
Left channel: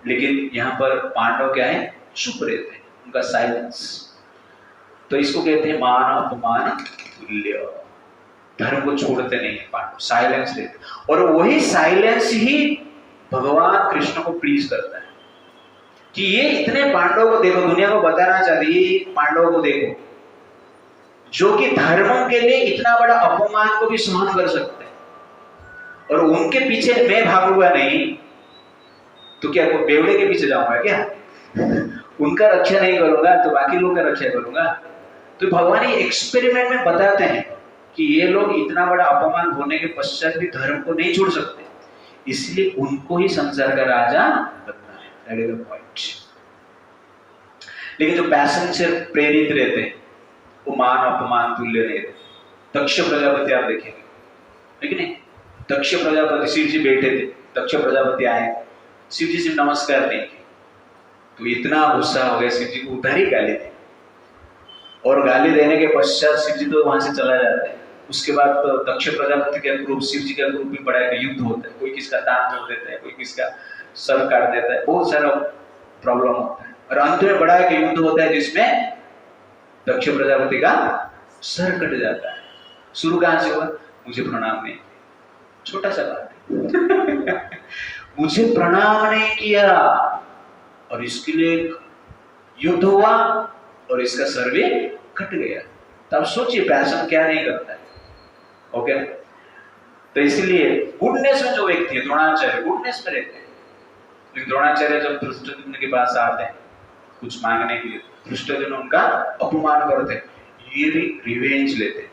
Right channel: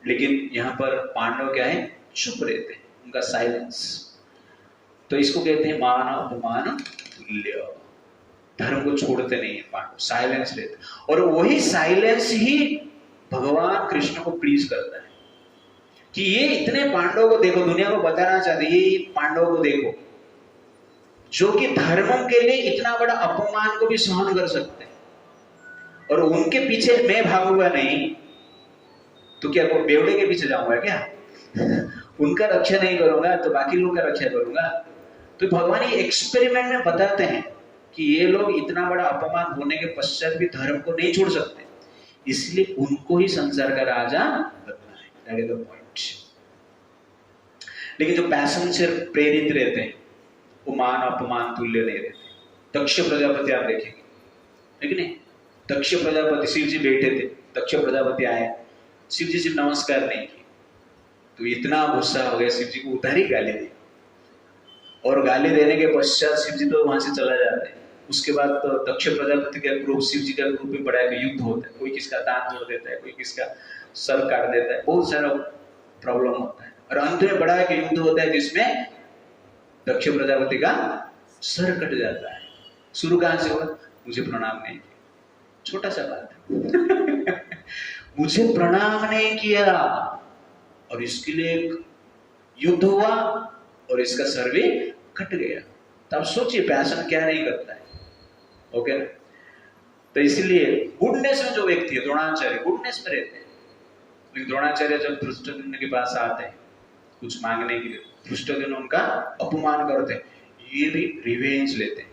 लेकिन यहाँ पर पांडव क्या है? चुप रहते हैं, उनका साइलेंस। तो इसको कहते हैं मान अपमान तुल्य। धर्म को छोड़ते नहीं है पांडव, साइलेंस रहते। और वही साइलेंस ही भगवान कृष्ण को प्लीज करता है कि ये इतने पांडवों को देखो, दुनिया को बताना चाहते, ये पांडवों को देखो जो कि धर्म के लिए इतना बड़ा अपमान को भी सहन कर सकते हैं, और उनके पीछे मैं भागूंगा नहीं तो क्या बेवड़े के पीछे जाऊंगा क्या? उनका रक्षा नहीं करूंगा तो बाकी लोग का रक्षा करूंगा। तो भगवान ये एक्सपेरिमेंट में बताते हैं कि ये लोग इतना बड़ा अपमान होने के पश्चात भी धर्म को नहीं छोड़ सकते, इसलिए उनको ही संसार का राजा बनना है। That is the point. लेकिन जो पैशन से प्रेरित रहते हैं वो मान अपमान तुल्य नहीं रहते। दक्ष प्रजापति आप देखेंगे, लेकिन नहीं, दक्ष प्रजापति, शिव जी बैठे थे, दक्ष प्रजापति आए, शिव जी से नमस्कार नहीं की तो इतना गुस्सा हो गया, शिव जी को उधर ही गाली दी। और गाली देने के पश्चात शिव जी तो वहां से चला जाते हैं। उसके बाद तो दक्ष प्रजापति का ग्रुप, शिव जी का ग्रुप भी बड़ा है, युद्ध होता है, कोई किसका दांत तोड़ देता है, कोई किसका सर काट देता है, बहुत सारा प्रॉब्लम होता है। और अंत में बड़ा है कि युद्ध होता है जिसमें दक्ष प्रजापति का सर कट जाता है। शुरू कहां से हुआ? मुझे प्रणाम नहीं, छोटा सा बात है। मुझे प्रणाम नहीं किया और इसके लिए युद्ध हुआ और इसका सर भी कट गया। तब सोचिए पैशन क्या नहीं करता है, ओके। तो इसलिए गुडनेस में जो व्यक्ति है, द्रोणाचार्य गुडनेस में रहते हैं, लेकिन द्रोणाचार्य जब धृष्टद्युम्न के पास आते हैं कुछ मांगने के लिए, धृष्टद्युम्न उनका अपमान करते हैं, ये भी रिवेंज लेते हैं,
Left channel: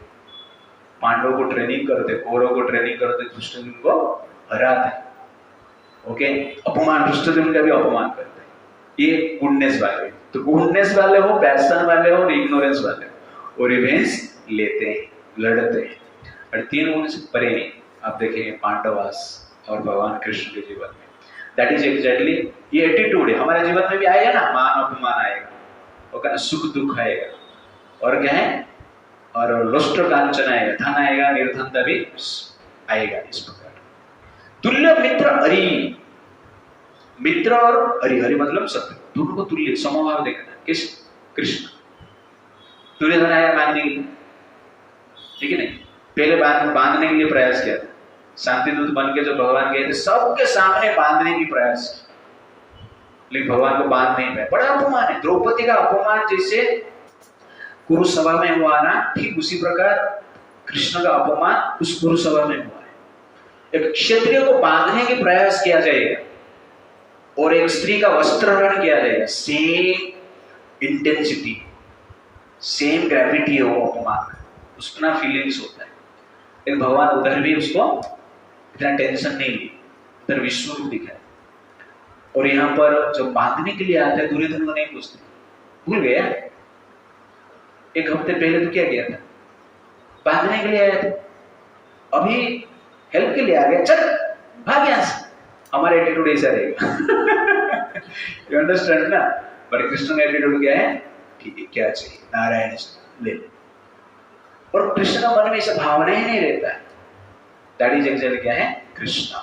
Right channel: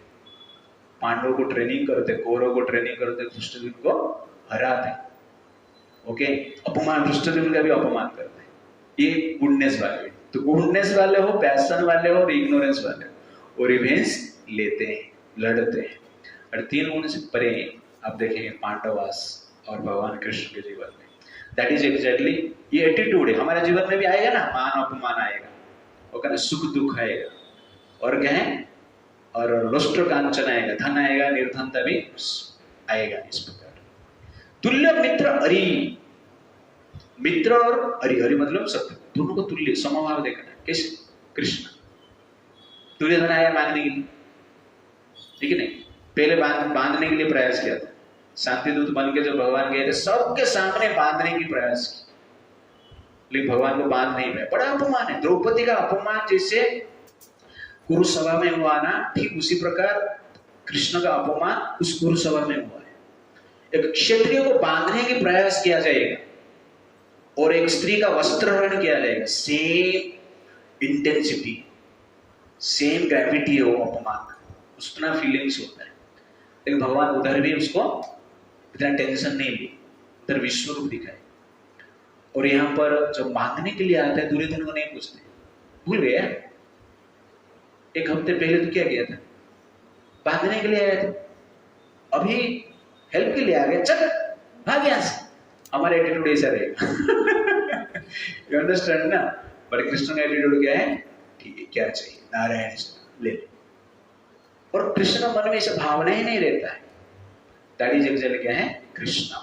पांडवों को ट्रेनिंग करते, कौरवों को ट्रेनिंग करते, धृष्टद्युम्न को हराते हैं, ओके। अपमान, धृष्टद्युम्न का भी अपमान करते हैं। ये गुडनेस वाले। तो गुडनेस वाले हो, पैशन वाले हो और इग्नोरेंस वाले हो, वो रिवेंज लेते हैं, लड़ते हैं। और 3 गुण से परे आप देखेंगे पांडवास और भगवान कृष्ण के जीवन में, दैट इज एग्जैक्टली ये एटीट्यूड है। हमारे जीवन में भी आएगा ना, मान अपमान आएगा, ओके ना, सुख दुख आएगा, और क्या है, और लुष्ट कांचन आएगा, धन आएगा, निर्धनता भी आएगा। इस प्रकार तुल्य मित्र अरि, मित्र और अरि, हरि मतलब सत्य, दोनों को तुल्य समभाव देखना है। किस? कृष्ण। दुर्योधन आया मांगने के लिए, ठीक है नहीं, पहले बांधने के लिए प्रयास किया था, शांतिदूत बन के जब भगवान गए थे सबके सामने बांधने की प्रयास की, लेकिन भगवान को बांध नहीं पाए। बड़ा अपमान है। द्रौपदी का अपमान जैसे कुरुसभा में हुआ ना, ठीक उसी प्रकार कृष्ण का अपमान उस कुरुसभा में हुआ है। एक क्षत्रिय को बांधने की प्रयास किया जाएगा और एक स्त्री का वस्त्रहरण किया जाएगा, सेम इंटेंसिटी, सेम ग्रेविटी है वो अपमान, उसका फीलिंग्स होता है। लेकिन भगवान उधर भी उसको इतना टेंशन नहीं ली, उधर विश्वरूप दिखाए। और यहाँ पर जब बांधने के लिए आते हैं दुर्योधन को नहीं पूछते, भूल गया, एक हफ्ते पहले तो क्या किया था, बांधने के लिए आया था। अभी हेल्प के लिए आ गया, चल भाग यहाँ से, हमारा एटीट्यूड ऐसा रहेगा। यू अंडरस्टैंड ना? पर कृष्ण का एटीट्यूड क्या है? ठीक है, क्या चाहिए, नारायण ले। और कृष्ण का मन में ऐसा भावना ही नहीं रहता है। दैट इज एक्चुअली क्या है? कृष्ण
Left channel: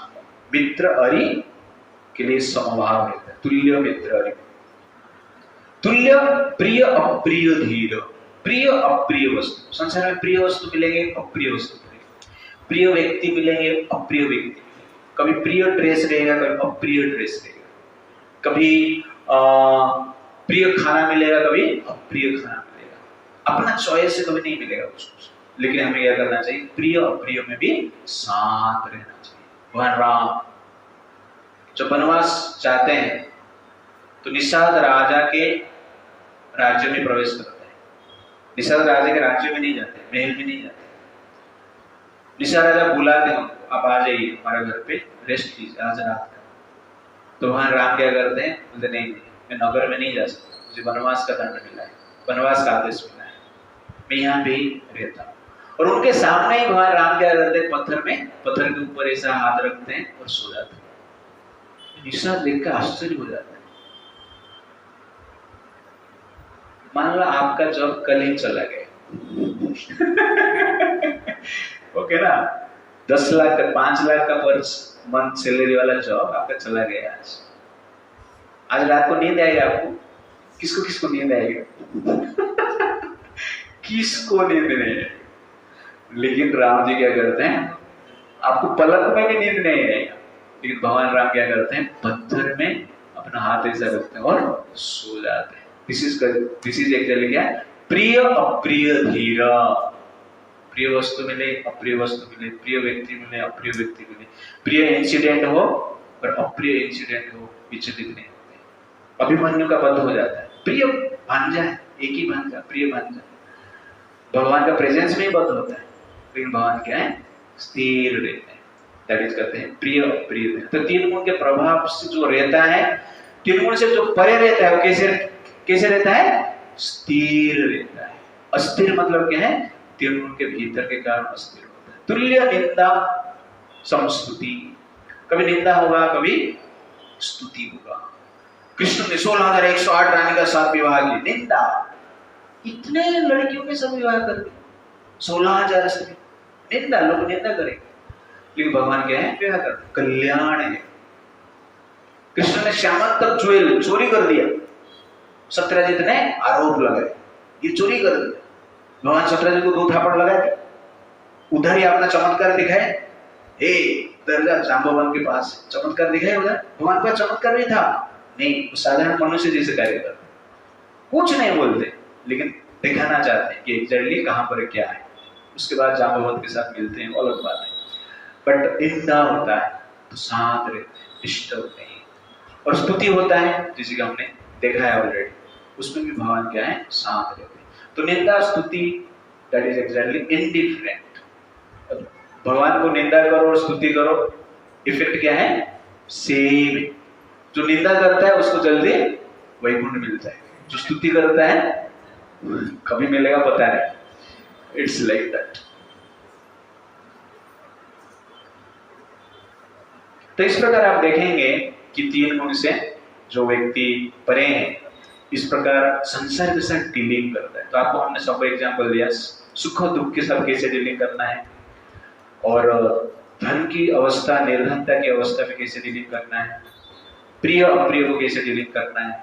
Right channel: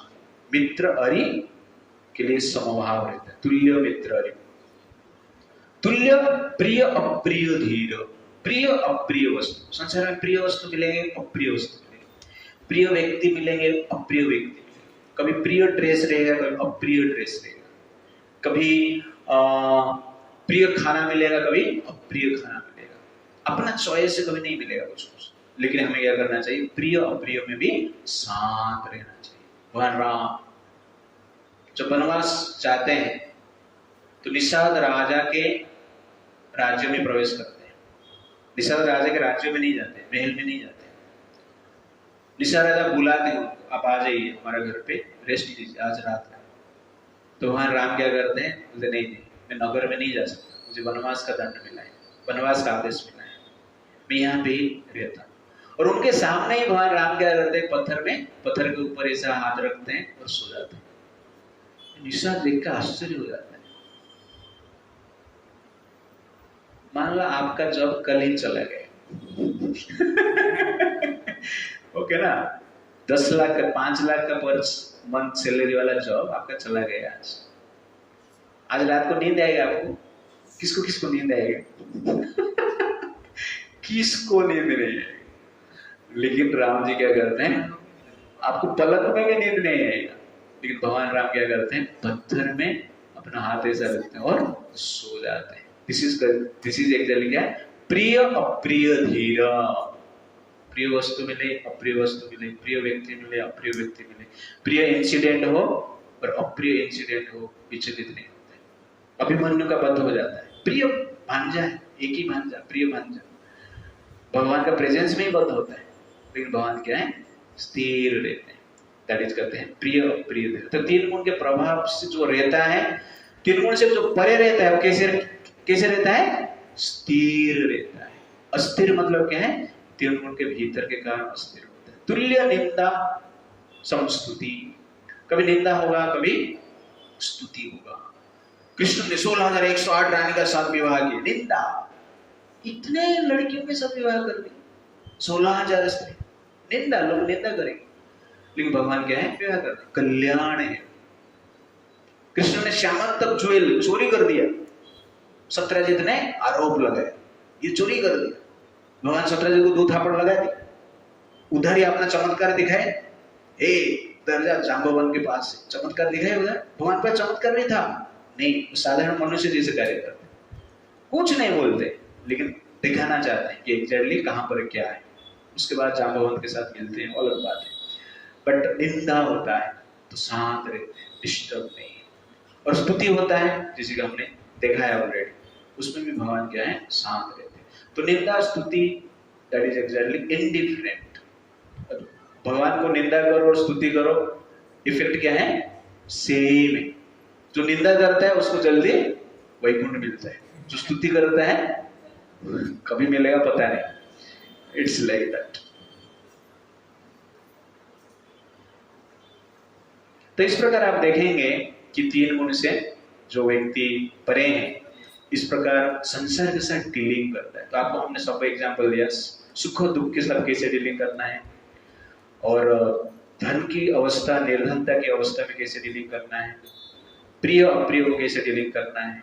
मित्र अरि के लिए समभाव रहता है, तुल्य मित्र अरि, तुल्य प्रिय अप्रिय धीर। प्रिय अप्रिय वस्तु, संसार में प्रिय वस्तु मिलेंगे, अप्रिय वस्तु मिलेंगे, प्रिय व्यक्ति मिलेंगे, अप्रिय व्यक्ति, कभी प्रिय ड्रेस रहेगा, कभी अप्रिय ड्रेस रहेगा, कभी प्रिय खाना मिलेगा, कभी अप्रिय खाना मिलेगा, अपना चॉइस से कभी नहीं मिलेगा उसको। लेकिन हमें क्या करना चाहिए? प्रिय अप्रिय में भी साथ रहना चाहिए। भगवान राम जब वनवास जाते हैं तो निषाद राजा के राज्य में प्रवेश करते हैं। निषाद राजा के राज्य में नहीं जाते, महल में नहीं जाते। निषाद राजा बुलाते हैं उनको, आप आ जाइए हमारे घर पे, रेस्ट कीजिए आज रात का। तो वहां राम क्या करते हैं? बोलते नहीं, मैं नगर में नहीं जा सकता, मुझे वनवास का दंड मिला है, वनवास का आदेश मिला है, मैं यहाँ पे ही रहता हूँ। और उनके सामने ही भगवान राम क्या करते हैं? पत्थर के ऊपर ऐसा हाथ रखते हैं और सो जाते हैं। निषाद देख कर आश्चर्य हो जाता है। मान लो आपका जॉब कल ही चला गया, ओके ना, 10 लाख का 5 लाख का पर मंथ सैलरी वाला जॉब आपका चला गया। आज रात को नींद आएगा आपको? किसको किसको नींद आएगा? किसको नींद नहीं आएगा? लेकिन राम जी क्या करते हैं? आपको पलक में भी नींद नहीं आएगा, लेकिन भगवान राम क्या करते हैं? पत्थर में अपना हाथ ऐसा रखते हैं और सो जाते हैं। दिस इज एक्चुअली क्या? प्रिय अप्रिय धीर। प्रिय वस्तु मिले, अप्रिय वस्तु मिले, प्रिय व्यक्ति मिले, अप्रिय व्यक्ति मिले, प्रिय इंसिडेंट हो और अप्रिय इंसिडेंट हो, विचलित नहीं होते। अभिमन्यु का वध हो जाता है, प्रिय भांजा है, एक ही भांजा, प्रिय भांजा, भगवान का प्रेजेंस में ही वध होता है, लेकिन भगवान क्या है? स्थिर रहते हैं। दैट इज कहते हैं प्रिय अप्रिय। तो तीन गुण के प्रभाव से जो रहता है, तीन गुण से जो परे रहता है, कैसे रहता है? स्थिर रहता है। अस्थिर मतलब क्या है? तीन गुण के भीतर के कारण अस्थिर होता है। तुल्य निंदा समस्तुति, कभी निंदा होगा, कभी स्तुति होगा। कृष्ण ने 16,108 रानी का साथ विवाह किया, निंदा, इतने लड़कियों के साथ विवाह कर दिया, 16,000 स्त्री, निंदा, लोग निंदा करेंगे। लेकिन भगवान क्या है? विवाह करते, कल्याण है। कृष्ण ने श्यामल तक ज्वेल चोरी कर दिया, सत्यजीत ने आरोप लगाया, ये चोरी कर दिया। भगवान सत्यजीत को 2 थापड़ लगाए, उधर ही अपना चमत्कार दिखाए। हे दर्जा जांबवन के पास चमत्कार दिखाए, उधर भगवान पर चमत्कार नहीं था, नहीं, साधारण मनुष्य जैसे कार्य करते, कुछ नहीं बोलते, लेकिन दिखाना चाहते हैं कि एग्जैक्टली कहां पर क्या है। उसके बाद जांबवंत के साथ मिलते हैं, अलग बात है। बट निंदा होता है तो शांत रहते हैं, डिस्टर्ब नहीं। और स्तुति होता है, जिसे का हमने देखा है ऑलरेडी, उसमें भी भगवान क्या है? शांत रहते हैं। तो निंदा स्तुति दैट इज एक्चुअली इंडिफरेंट। भगवान को निंदा करो और स्तुति करो, इफेक्ट क्या है? सेम है। जो निंदा करता है उसको जल्दी वैकुंठ मिलता है, जो स्तुति करता है कभी मिलेगा पता नहीं। It's like that. तो इस प्रकार आप देखेंगे कि तीन गुण से जो व्यक्ति परे हैं, इस प्रकार संसार के साथ डीलिंग करता है। तो आपको हमने सबको एग्जांपल दिया, सुख दुख के साथ कैसे डीलिंग करना है, और धन की अवस्था, निर्धनता की अवस्था में कैसे डीलिंग करना है, प्रिय अप्रिय को कैसे डीलिंग करना है,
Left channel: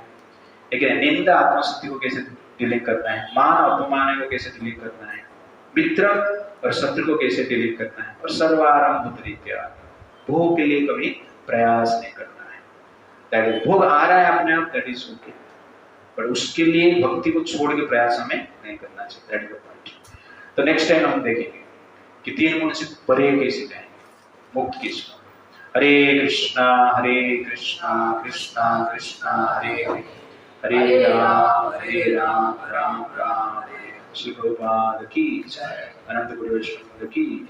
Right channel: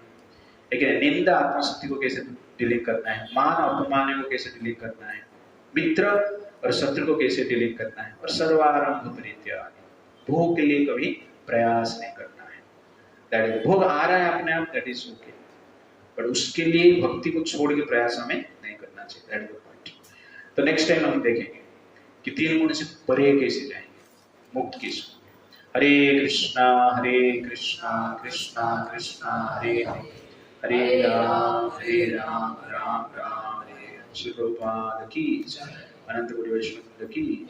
ठीक है, निंदा आत्मशक्ति को कैसे डीलिंग करना है, मान अपमान को कैसे डीलिंग करना है, मित्र और शत्रु को कैसे डीलिंग करना है, और सर्वारंभ परित्याग, भोग के लिए कभी प्रयास नहीं करना है। दैट इज, भोग आ रहा है अपने आप, दैट इज ओके, बट उसके लिए भक्ति को छोड़ के प्रयास हमें नहीं करना चाहिए। That is the point. तो नेक्स्ट टाइम हम देखेंगे कि तीन गुण से परे कैसे जाएंगे, मुक्त कैसे होंगे। हरे कृष्णा कृष्णा कृष्णा हरे हरे, हरे राम राम राम हरे। श्री प्रभुपाद की जय, अनंत गुरु वैष्णव की।